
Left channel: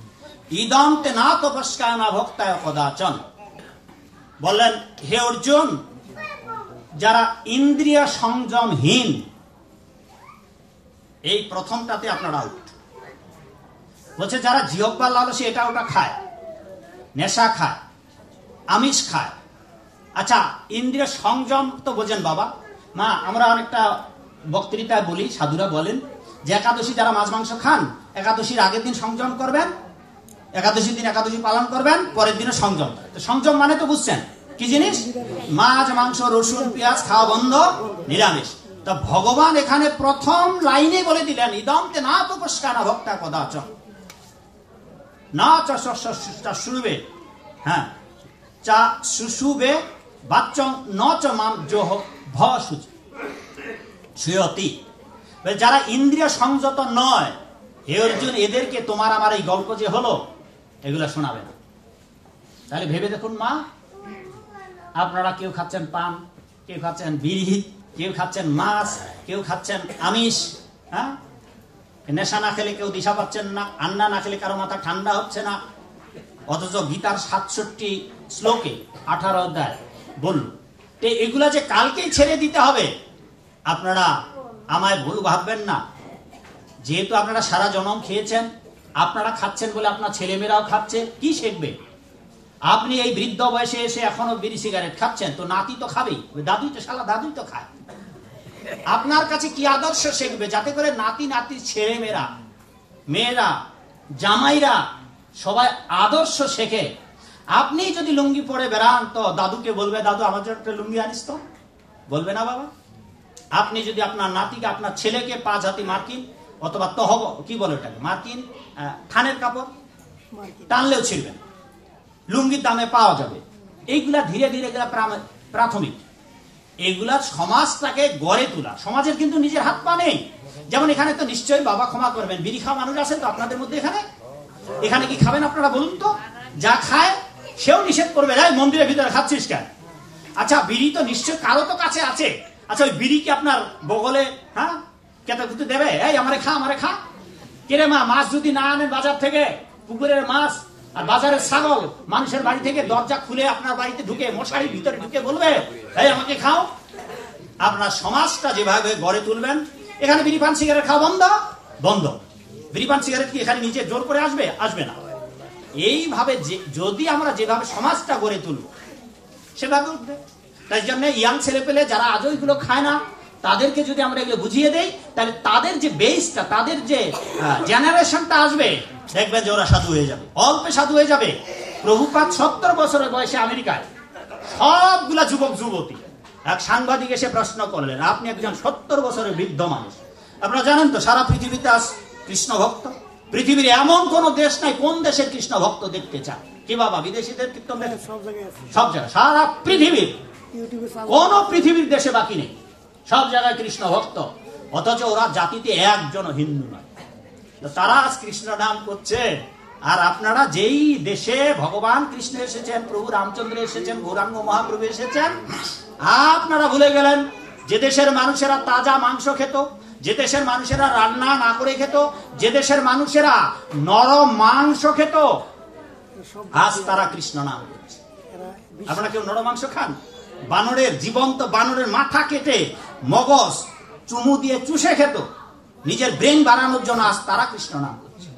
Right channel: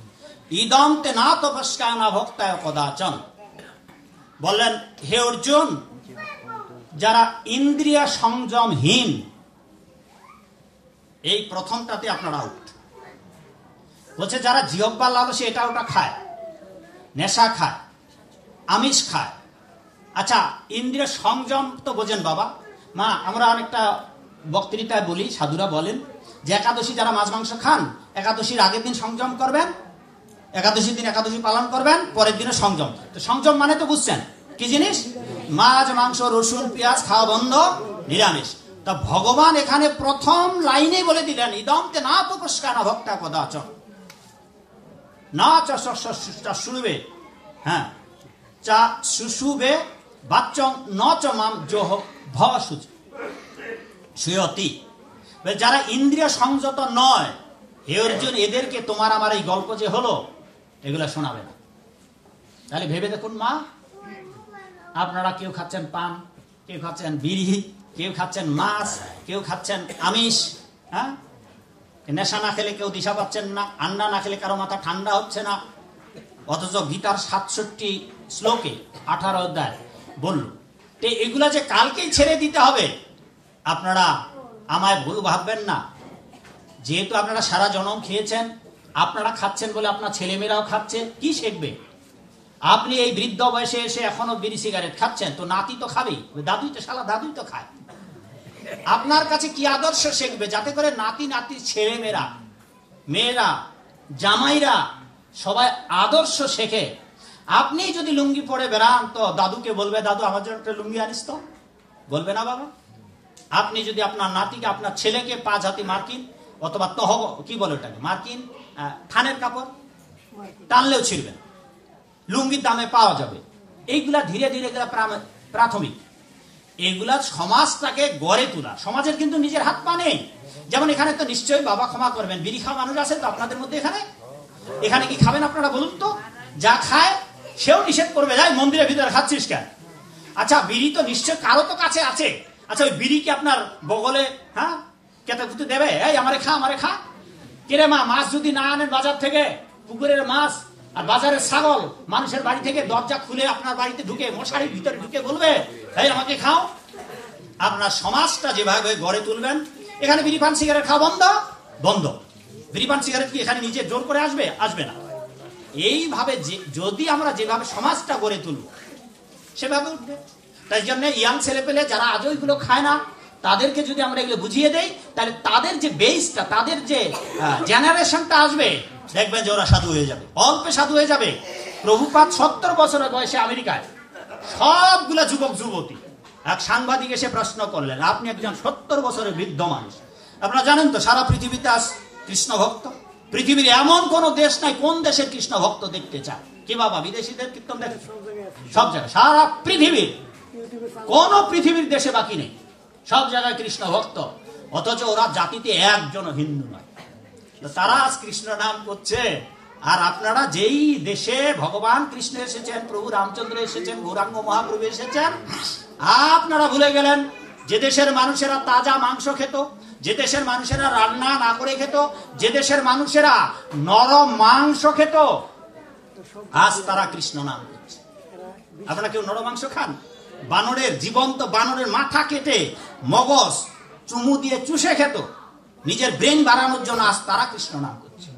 ইদম তে না তপস্কায় না ভক্তায় কদাচন। বললেন হে অর্জুন, যারা ইন্দ্রিয় সংযমহীন, এই প্রথমটাতে আপনারা আউট। বলছে যারা জিহ্বা লালসে এটা ওটা খায়, নেশা খায়, আমিষ খায়। আচ্ছা, ইন্দ্রিয় সংযম তো বোঝেন বাবা। মা আমরা অনেকটা বক্তৃতায় বলি, সাধুরা বলেন যে একাদশী যারা মাছ মাংস খান, একাদশীর আগের দিন সংযম করবেন, একাদশীর দিন একাদশী পালন করবেন, পরের দিনে সংযম। তো সংযম মানে তো বুঝছেন কি জিনিস? মাছ মাংস রসুন পেঁয়াজ খাওয়া বন্ধ, নিরামিষ। তা ভগবান এখানে প্রথম লাইনে বলে দিলেন ইদম তে না তপস্কা না ভক্তা কদাচ না শুরুবে হ্যাঁ, চা শুশুবে বাচ্চং ন চ মাম জোহ ভ সুয়তি। যারা ইন্দ্রিয় সংযত নয়, হে অর্জুন, এদেরকে তোমার আমার এই গল্প যে হলো এগুলা শোনাবে না। তাহলে ভেবে দেখুন মা, আপনারা কেউ খাচ্ছেন পান, কেউ খাচ্ছেন বিড়ি, কেউ খাচ্ছেন মাছ, কেউ খাচ্ছেন আমিষ, হ্যাঁ, নেশা না খেলে কেউ দিশা পাচ্ছেন না, আন্না না খেলে কারো মাথা ঠান্ডা হচ্ছে না, অথচ গীতার 67 শ্লোকে 18 অধ্যায় বলল এগুলা যে কালকেই ছেড়ে দিতে হবে। আপনারা আমায় ভুল ভাববেন না, যেহেতু আপনারা সারা জনম খেয়েছেন, আপনারা খাচ্ছেন বলে আপনার ছেলেমেয়েরাও খাচ্ছে, কি শিখবে? আপনি এই বৃদ্ধ বয়সে এসে এখনো বিড়ি সিগারেট খাচ্ছেন, তো নাতি তো খাবেই, দাদুই তো শালা দাদুই তো খায়। আপনার কাছে কি আদর্শ শিখবে, যাতে করে নাতি নাতির ছেলে মেয়েরা জামাইরা সবাই আদর্শ শেখে। আপনি যদি লুঙ্গি পরে বেড়ান তো দাদুকে বলবে, দাদু আমার জন্য একটা লুঙ্গি আনিস তো, বলবে না বাবা? আপনি যদি আপনার নাতিকে, আপনার ছেলেকে 5 হাতি মার্কিন অথবা তহব কি বলে ওটাকে, মার্কিন থানের কাপড় টানলেও ছিড়বেন, লুঙ্গির দামে পাওয়া যাবে। এইগুলা ধীরে ধীরে প্রাথমিক, এইগুলা সমাজটাকে গড়ে তোলা। সমাজের কিন্তু নিজের হাত পা নেই। যেমন এখানে তো নিশ্চয়ই, বাবা ক্ষমা করবেন, বিড়ি খাওয়া মানুষ আছে তো আপনাদের মধ্যে, এখানে কি খাবেন আপনারা বলুন তো? যা খায় সেও নিষেধ করবে, যাই মন্দিরের ভিতরে খাচ্ছিস কেন? আচ্ছা, বিড়ি তো নিশ্চয় কারো তো কাছে আছে। আচ্ছা, ওই বিড়ি কি আপনার বগলে কেটে কুটে দেবে, এই আমারে খা? কেরে মা, মাছ যদি না আনেন বাজার থেকে, পুকুরের মাছ আর বাজারের ছাগল, মানুষের বাড়ি থেকে দরজা খুলে আপনার বাড়িতে ঢুকে, মশারির ভিতরে ঢুকে বলবে, এই আমাকে খাও। আপনার সমাজটা যেভাবে গড়ে তুলবেন, এখানে বিড়ি পান সিগারেট খাওয়া বন্ধ। বিড়ি পান সিগারেট কি এখানে নিজে জোর করে আসবে না। এইভাবে যদি আমরা যেভাবে সমাজটা গড়ে তুলব, সেভাবে উঠবে। তাই জন্য ইয়াং ছেলে পেলে যারা আজও এগুলো খায় না, তাদেরকে যদি আমরা এগুলো বুঝিয়ে দেই, তাহলে তাদের যে বেসটা, তাদের যে জেনারেশনটা আসবে, দেখবেন যে ওরা সাধু হয়ে যাবে, অল্পে সাধু হয়ে যাবে। প্রভুপাদ 70 বছরের বয়সে আমেরিকায় সবগুলা যুবক যুবতী, এক সাংবাদিক এসে প্রশ্ন করলেন, আপনি একজন 70 বছরের বৃদ্ধ মানুষ, আপনারা জানেন তো সারা পৃথিবীতে আজ কৃষ্ণ ভক্ত, পৃথিবীর এমন কোন দেশ নাই কোন দেশের কৃষ্ণ ভক্ত দেখতে চায়? কি বাবা, বিদেশিদের কীর্তন দেখে? সব জায়গায়, সারা পৃথিবীর কোন পৃথিবীর দেশে বাকি নেই, সব জায়গায় কৃষ্ণ ভক্ত। অথচ ওরা জাতিতে একজন হিন্দু নয়। তারা আজ কৃষ্ণ নাম করছে। আর আপনারা যেই দেশে ভগবান কৃষ্ণ এসেছেন, প্রভু রামচন্দ্র এসেছেন, গৌরাঙ্গ মহাপ্রভু এসেছেন, আপনারা ভুলে গেলেন যে দেশের মানুষেরা তাজা মাংস খেত, যে দেশের মানুষেরা রান্না না করে খেত, যে দেশের মানুষেরা নরম মাংস খেত, আজ তারা কৃষ্ণ নাম করছে। আপনারা কেউ নরম মাংস খান? বানরের, জীবন্ত বানরের মাথা কেটে মগজ চুমু দিয়ে চুষে খেত নিজের ব্রেন বাড়ানোর জন্য, আজ তারা কৃষ্ণ নাম করছে।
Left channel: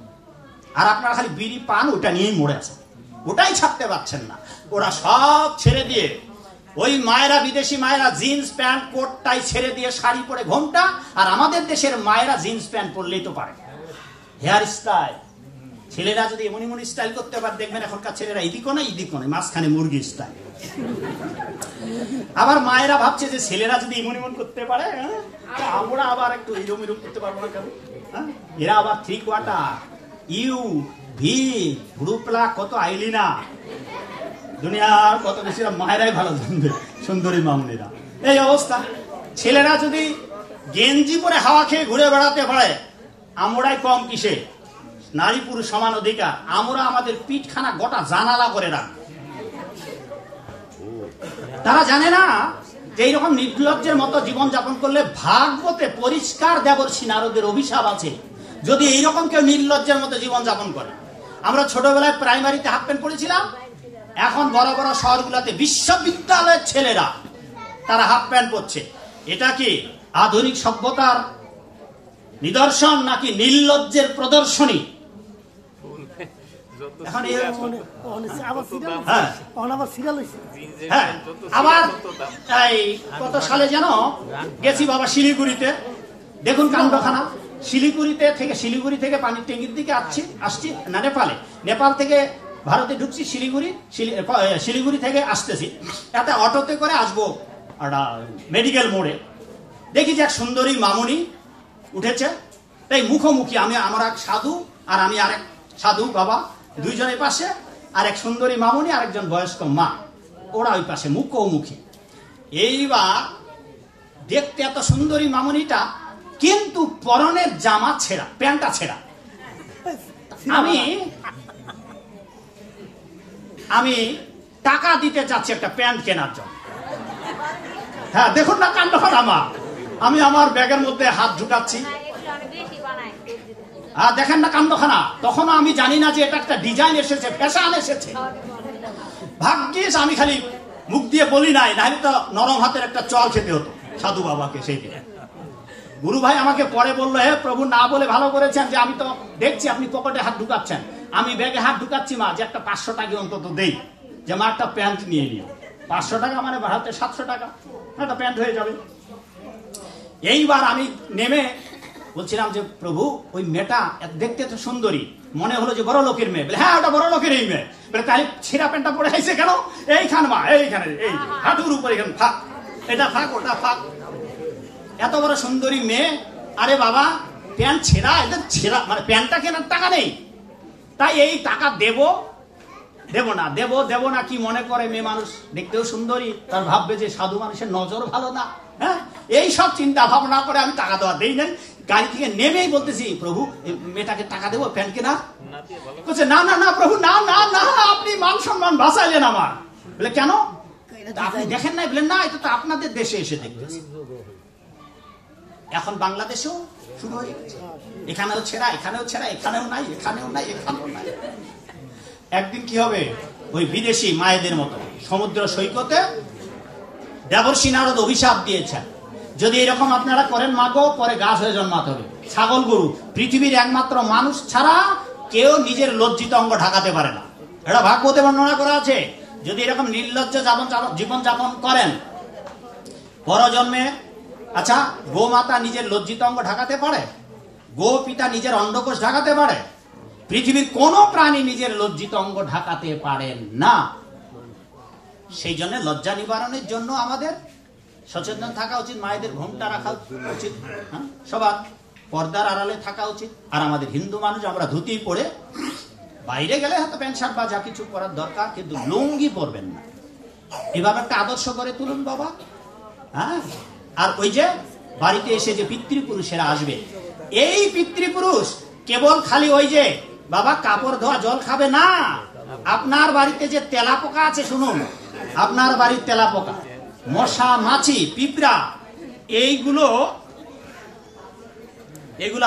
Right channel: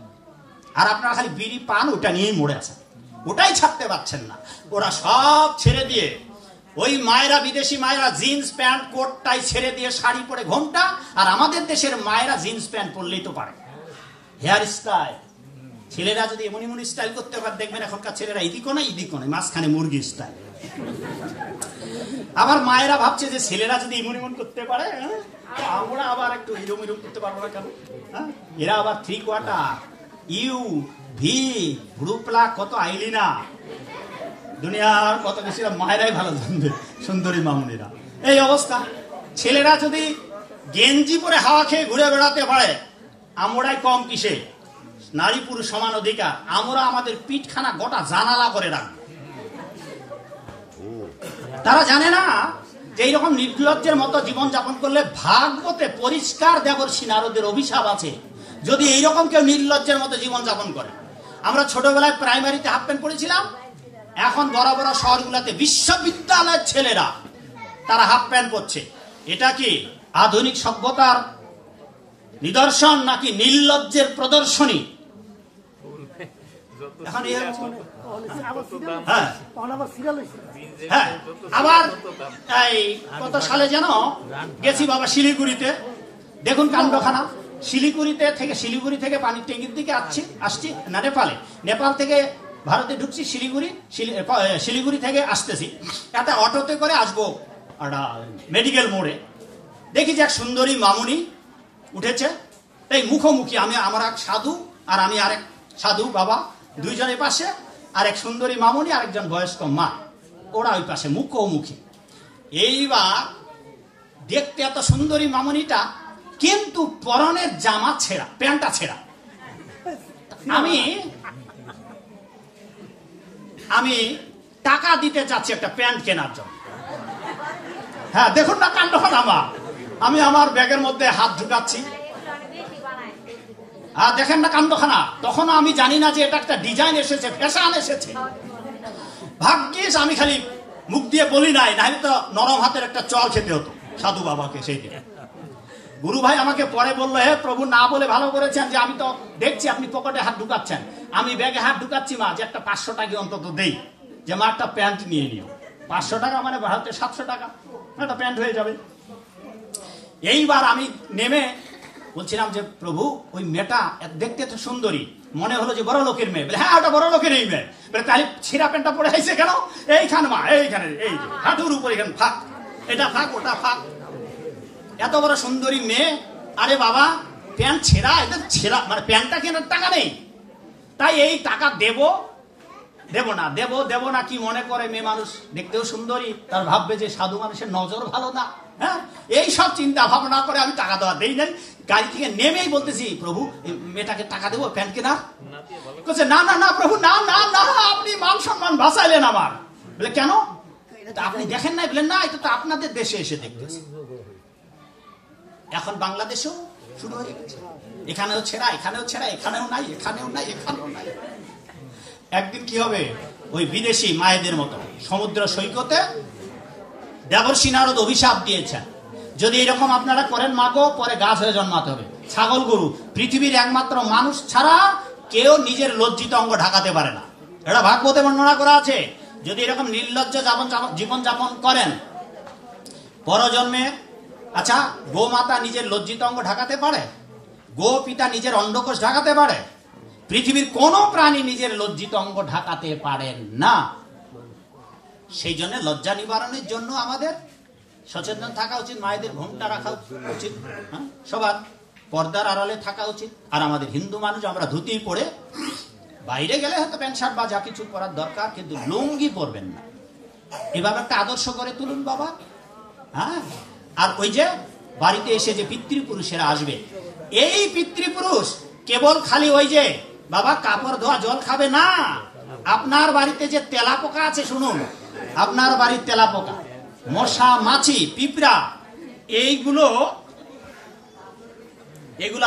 আর আপনারা খালি বিড়ি পান, ওটা নিয়েই মরে আছেন, ওটাই ছাড়তে পারছেন না। ওরা সব ছেড়ে দিয়ে, ওই মায়েরা, বিদেশি মায়েরা জিন্স প্যান্ট কোটটাই ছেড়ে দিয়ে শাড়ি পরে ঘোমটা, আর আমাদের দেশের মায়েরা জিন্স প্যান্ট পরলেই তো পারে। হেয়ার স্টাইল, ছেলেরা যদি এমন এমন স্টাইল করতে পারে, দেখবেন এখনকার ছেলেরা এদিকও নয় মাঝখানে মুরগি স্টাইল। আবার মায়েরা ভাবছে যে ছেলেরা যদি এমন এমন করতে পারে, আমরা আবার একটু এরম করতে পারবো না কেন? এরা আবার 3/4 ইউ ভি গ্রুপলা কত আইলি না, দুনিয়ার কত বেশি মায়েরাই ভালো জানবে, সুন্দরী মামুনিরা। এই অবস্থা, ছেলেরা যদি গেঞ্জি পরে হাওয়া খেয়ে ঘুরে বেড়াতে পারে, আমরাই কম কিসে? নারী পুরুষ সমান অধিকার। আমরা আমাদের পিঠখানা গোটা জানালা করে রাখবো। তারা জানে না যে এইরকম নির্লজ্জের মতো জীবন যাপন করলে ভাগবতে পরিষ্কার দেবর্ষী নারদের অভিশাপ আছে যদি এইরকম কেউ নির্লজ্জের মতো জীবন যাপন করে। আমরা ছোটবেলায় প্রাইমারিতে হাফ প্যান্ট পরেছিলাম, এখন বড় বড় শহরগুলোতে বিশ্ববিদ্যালয়ের ছেলেরা তারা হাফ প্যান্ট পরছে। এটা কি আধুনিক সভ্যতার নিদর্শন নাকি নির্লজ্জের প্রদর্শনী? এখন হ্যাঁ, আবার এই কত সালে যেন গেছি বাবা শিলিগুড়িতে, দেখুন কাণ্ডখানা। শিলিগুড়ি থেকে পানির ট্যাঙ্কির দিকে আসছি না, নেপাল থেকে ভারতে ঢুকছি, শিলিগুড়ি থেকে আসতেছি, একটা অটোতে করে আসবো একটা মেডিকেল মোড়ে। দেখি যে এক সুন্দরী মামুনি উঠেছে, তাই মুখোমুখি আমার এক সাধু আর আমি আরেক সাধু বাবা, দুইজনের পাশে আর এক সুন্দরী মামুনি আর একজন বয়স্ক মা, ওরা ওই পাশে মুখোমুখি। এইবার দেখতে এত সুন্দরী মামুনিটা, কিন্তু পরনের জামা ছেঁড়া, প্যান্টটা ছেঁড়া। আমি টাকা দিতে চাচ্ছি একটা প্যান্ট কেনার জন্য। হ্যাঁ, দেখুন না কাণ্ডখানা আমার। আমি আমার ব্যাগের মধ্যে হাত ঢুকাচ্ছি, দেখেন না কাণ্ডখানা। তখন আমি জানি না যে এটা একটা ডিজাইন এসেছে, ফ্যাশন এসেছে। ভাগ্যিস আমি খালি মুখ দিয়ে বলি নাই, নাহলে তো নরম হাতের একটা চল খেতে হতো সাধু বাবাকে সেই দিন। গুরু ভাই আমাকে পরে বললো, হে প্রভু, না বলে ভালো করেছেন, যে আমি তো দেখছি আপনি পকেটে হাত ঢুকাচ্ছেন। আমি ব্যাগে হাত ঢুকাচ্ছি মা, যে একটা 500 টাকা অন্তত দেই, যে মা একটা প্যান্ট নিয়ে নিও। 500 টাকা মানে ভারতে 700 টাকা, একটা প্যান্ট হয়ে যাবে। এইবার আমি নেমে বলছিলাম যে প্রভু, ওই মেয়েটা দেখতে তো সুন্দরী, মনে হলো যে বড় লোকের মেয়ে। বলে হ্যাঁ, ওটা বড় লোকের এই মেয়ে। বলে তাই ছিঁড়া প্যান্টটা পরে আইছে কেন? এইখানে মা, এইখানে, এই হাঁটুর উপর, এখানে ফাঁক, এটা ফাঁক, ওটা ফাঁক। এত বড় সুন্দরী মেয়ে, আরে বাবা প্যান্ট ছেঁড়া, এটা ছেঁড়া মানে প্যান্টটা কেনার টাকা নেই। তাই এই টাকা দেব না কি মনে করে মেয়ে মানুষ, দেখতেও সুন্দরী, তার ভাববে যে সাধু মানুষের নজর ভালো না। হ্যাঁ, এই সব চিন্তা ভাবনা করে আমি টাকা দেওয়া দেই নাই। গাড়ি থেকে নেমেই বলতেছি, প্রভু মেয়েটাকে টাকা দেবো প্যান্ট কেনার? বলছে না না না প্রভু, না না না, আপনি মান সম্মান বাঁচাইলেন আমার। বলে কেন? আপনি দেখেন নাই? বলেন না, এটা তো আপনাদের দেশে এসে দেখতেছি। এখন বাংলাদেশেও শুরু হয়ে গেছে, এখানেও ছেঁড়া, এখানেও ছেঁড়া, এখানেও নাই, এখানেও নাই, এখানেও নাই। একদিন কি হবে, ওই বিদেশি মায়েদের মতো সমুদ্র সৈকতে দেবর্ষি নারদ অভিশাপ দিয়েছেন, যদি এরকম আপনারা করেন মাগো, পরে গাছ হয়ে জন্মাতে হবে। ছাগল গরু, পৃথিবীর একমাত্র মানুষ ছাড়া কেউ নিজের লজ্জিত অঙ্গ ঢাকাতে পারে না। এটা ভাগবতে বর্ণনা করা আছে। যদি এরকম নির্লজ্জ জীবন যাপন করেন পরজন্মে, আচ্ছা, গোমাতা নিজের লজ্জিত অঙ্গ ঢাকাতে পারে? গো পিতা নিজের অন্ডকোষ ঢাকাতে পারে? পৃথিবীর কোন প্রাণী নিজের লজ্জিত অঙ্গ ঢাকাতে পারেন না। সেই জন্য লজ্জা নিবারণের জন্য আমাদের সচেতন থাকা উচিত, মায়েদের ঘোমটা রাখা উচিত, সবার পর্দার আড়ালে থাকা উচিত। আর আমাদের হিন্দু মানুষ, আমরা ধুতি পরে বাইরে গেলে হয়তো প্যান্ট শার্ট বা যা কিছু পরার দরকার, কিন্তু লুঙ্গি পরবেন না। এভাবে একটা আদর্শ করে তুলুন বাবা। হ্যাঁ, আর ওই যে বাড়িতে এসে যে পিতৃপুরুষেরা আসবে, এই পিতৃপুরুষ কেবল খালি ওই যে বাবা কাপড় ধোয়া জল খাবে না। আপনার বাড়িতে যে তেলাপোকা আছে, শুনুন, আপনার বাড়ির তেলাপোকা, মশা, মাছি, পিঁপড়া, এইগুলো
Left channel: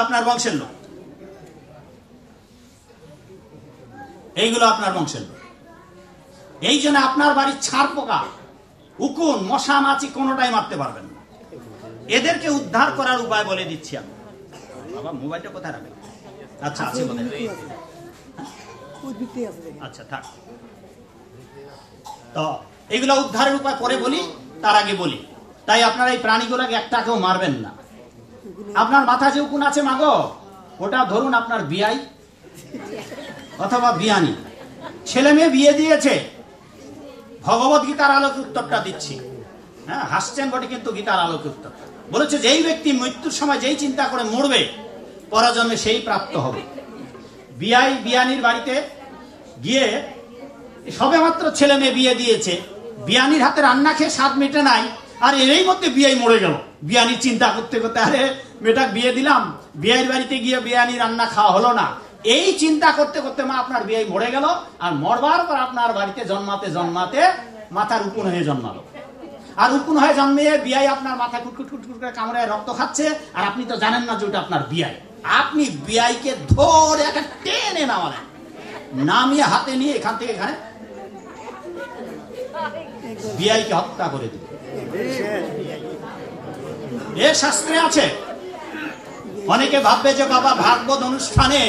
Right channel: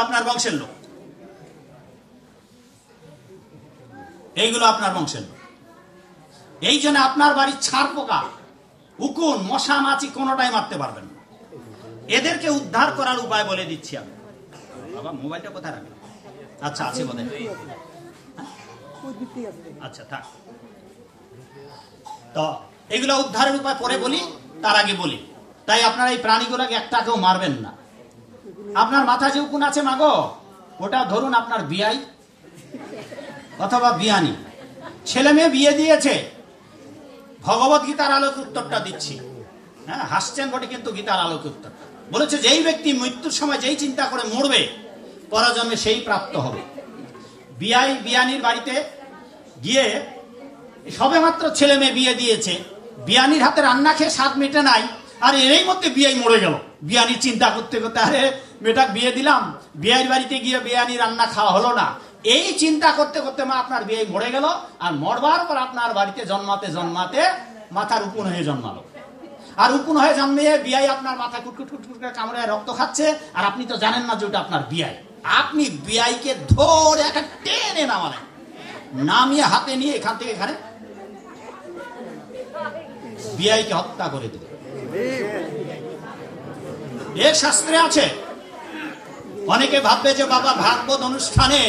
আপনার বংশের লোক, এইগুলো আপনার বংশের লোক। এই জন্য আপনার বাড়ির ছাড় পোকা, উকুন, মশা, মাছি কোনোটাই মারতে পারবেন না। এদেরকে উদ্ধার করার উপায় বলে দিচ্ছি আমি। বাবা মোবাইলটা কোথায় রাখলাম? আচ্ছা, আছে বলে, আচ্ছা থাক। তো এগুলো উদ্ধারের উপায় পরে বলি, তার আগে বলি, তাই আপনারা এই প্রাণীগুলোকে একটাকেও মারবেন না। আপনার মাথা যে উকুন আছে মাগো, ওটা ধরুন আপনার বিয়াই অথবা বিয়ানি, ছেলে মেয়ে বিয়ে দিয়েছে। ভগবত গীতার আলোকে উত্তরটা দিচ্ছি। হ্যাঁ, হাসছেন বটে, কিন্তু গীতার আলোকে উত্তর বলেছে, যেই ব্যক্তি মৃত্যুর সময় যেই চিন্তা করে মরবে, পরজন্মে সেই প্রাপ্ত হবে। বিয়াই বিয়ানির বাড়িতে গিয়ে সবে মাত্র ছেলে মেয়ে বিয়ে দিয়েছে, বিয়ানির হাতে রান্না খেয়ে স্বাদ মেটে নাই, আর এরই মধ্যে বিয়াই মরে গেল। বিয়ানি চিন্তা করতে করতে, আরে মেয়েটা বিয়ে দিলাম, বিয়ের বাড়িতে গিয়ে বিয়ানি রান্না খাওয়া হলো না, এই চিন্তা করতে করতে মা আপনার বিয়ে মরে গেল। আর মরবার পর আপনার বাড়িতে জন্মাতে জন্মাতে মাথার উকুন হয়ে জন্মালো। আর উকুন হয়ে জন্মিয়ে বিয়াই আপনার মাথায় কুটকুট কুটকুট করে কামড়ায় রক্ত খাচ্ছে, আর আপনি তো জানেন না যে ওটা আপনার বিয়াই। আপনি বিয়াইকে ধরে একটা টেনে নামালেন, নামিয়ে হাতে নিয়ে এখান থেকে এখানে বিয়াইকে হত্যা করে দিল। এ শাস্ত্রে আছে। অনেকে ভাববে যে বাবা ভাগবত অনুষ্ঠানে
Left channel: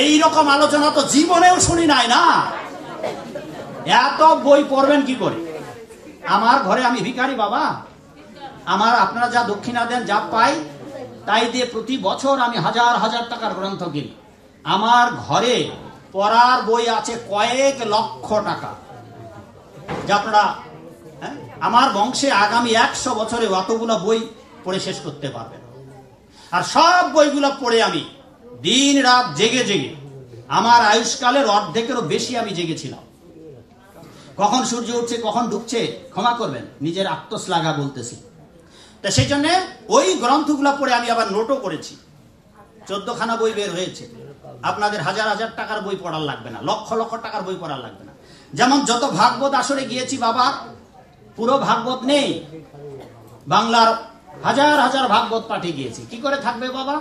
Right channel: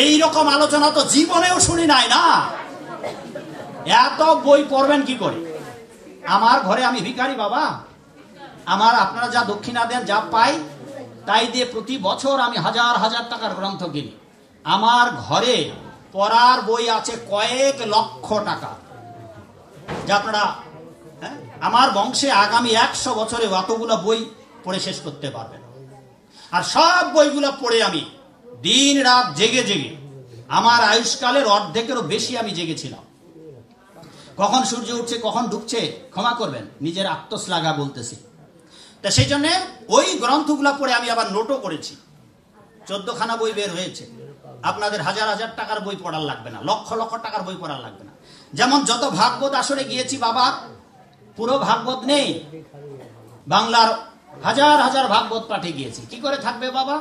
এই রকম আলোচনা তো জীবনেও শুনি নাই, না, এত বই পড়বেন কি করে? আমার ঘরে আমি ভিখারি বাবা, আমার আপনারা যা দক্ষিণা দেন, যা পাই তাই দিয়ে প্রতি বছর আমি হাজার হাজার টাকার গ্রন্থ কিনি। আমার ঘরে পড়ার বই আছে কয়েক লক্ষ টাকা, যা আপনারা, আমার বংশে আগামী 100 বছরে অতগুলো বই পড়ে শেষ করতে পারবেন। আর সব বইগুলো পড়ে আমি দিন রাত জেগে জেগে, আমার আয়ুষ্কালের অর্ধেকেরও বেশি আমি জেগেছিলাম। কখন সূর্য উঠছে কখন ঢুকছে ক্ষমা করবেন, নিজের আত্মশ্লাঘা বলতেছি। তা সেই জন্য ওই গ্রন্থগুলো পড়ে আমি আবার নোটও করেছি। 14খানা বই বের হয়েছে। আপনাদের হাজার হাজার টাকার বই পড়ার লাগবে না, লক্ষ লক্ষ টাকার বই পড়ার লাগবে না। যেমন যত ভাগবত আসরে গিয়েছি বাবা, পুরো ভাগবত নেই, বাংলার হাজার হাজার ভাগবত পাঠে গিয়েছি। কি করে থাকবে বাবা?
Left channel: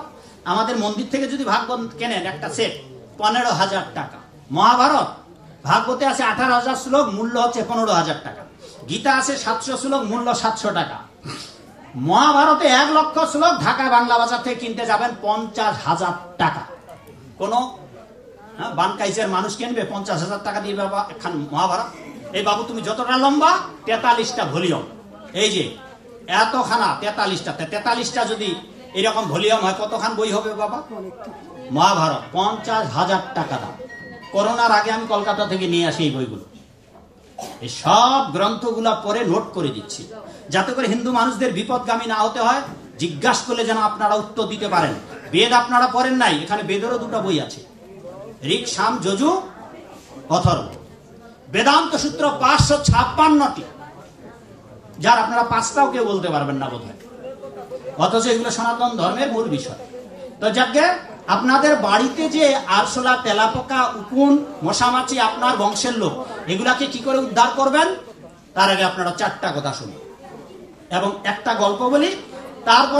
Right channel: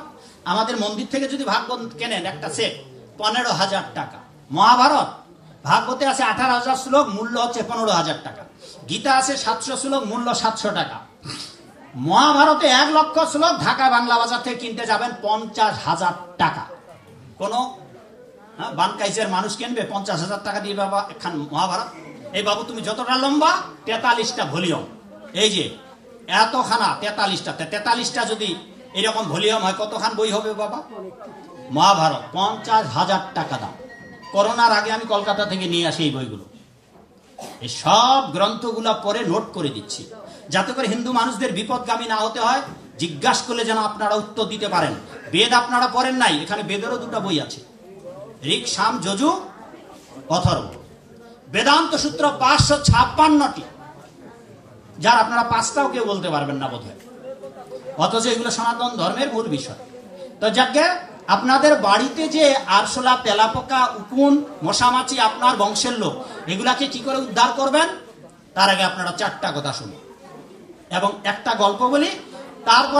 আমাদের মন্দির থেকে যদি ভাগবত কেনেন একটা সেট 15,000 টাকা। মহাভারত ভাগবতে আছে 18,000 শ্লোক, মূল্য হচ্ছে 15,000 টাকা। গীতা আছে 700 শ্লোক, মূল্য 700 টাকা। মহাভারতে 1 লক্ষ শ্লোক ঢাকা বাংলা বাজার থেকে কিনতে যাবেন 50,000 টাকা। কোন বানকাইজের মানুষ কিনবে 50,000 টাকা দিয়ে বাবা একখান মহাভারত? এই বাবু তুমি যতটা লম্বা 43টা ভলিউম, এই যে এতখানা 43টা যদি এরকম ভলিউম হয় কতখান বই হবে বাবা? মহাভারত 50,000 টাকা দাম। করোনার আগে আমি কলকাতা থেকে নিয়ে আসি এই বইগুলো। এই সব গ্রন্থগুলা পরে নোট করে দিচ্ছি, যাতে করে হিন্দু মানুষদের বিপদগামী না হতে হয়। জিজ্ঞাসা করলে যেন আপনারা উত্তর দিতে পারেন। বেদ আপনারা পড়েন নাই, এখানে বেদেরও 2টা বই আছে, ঋক, সাম, যজু, অথর্ব। বেদান্ত সূত্র 556টি, যার আপনারা 5টাও কেউ বলতে পারবেন না বোধহয়, অথচ এগুলো সনাতন ধর্মের মূল বিষয়। তো যাকে আপনাদের বাড়িতে যে আরশোলা, তেলাপোকা, উকুন, মশামাছি আপনার বংশের লোক, এগুলাকে কি করে উদ্ধার করবেন তার আগে আপনারা 4টা কথা শুনুন এবং একটা গল্প বলি, তারপর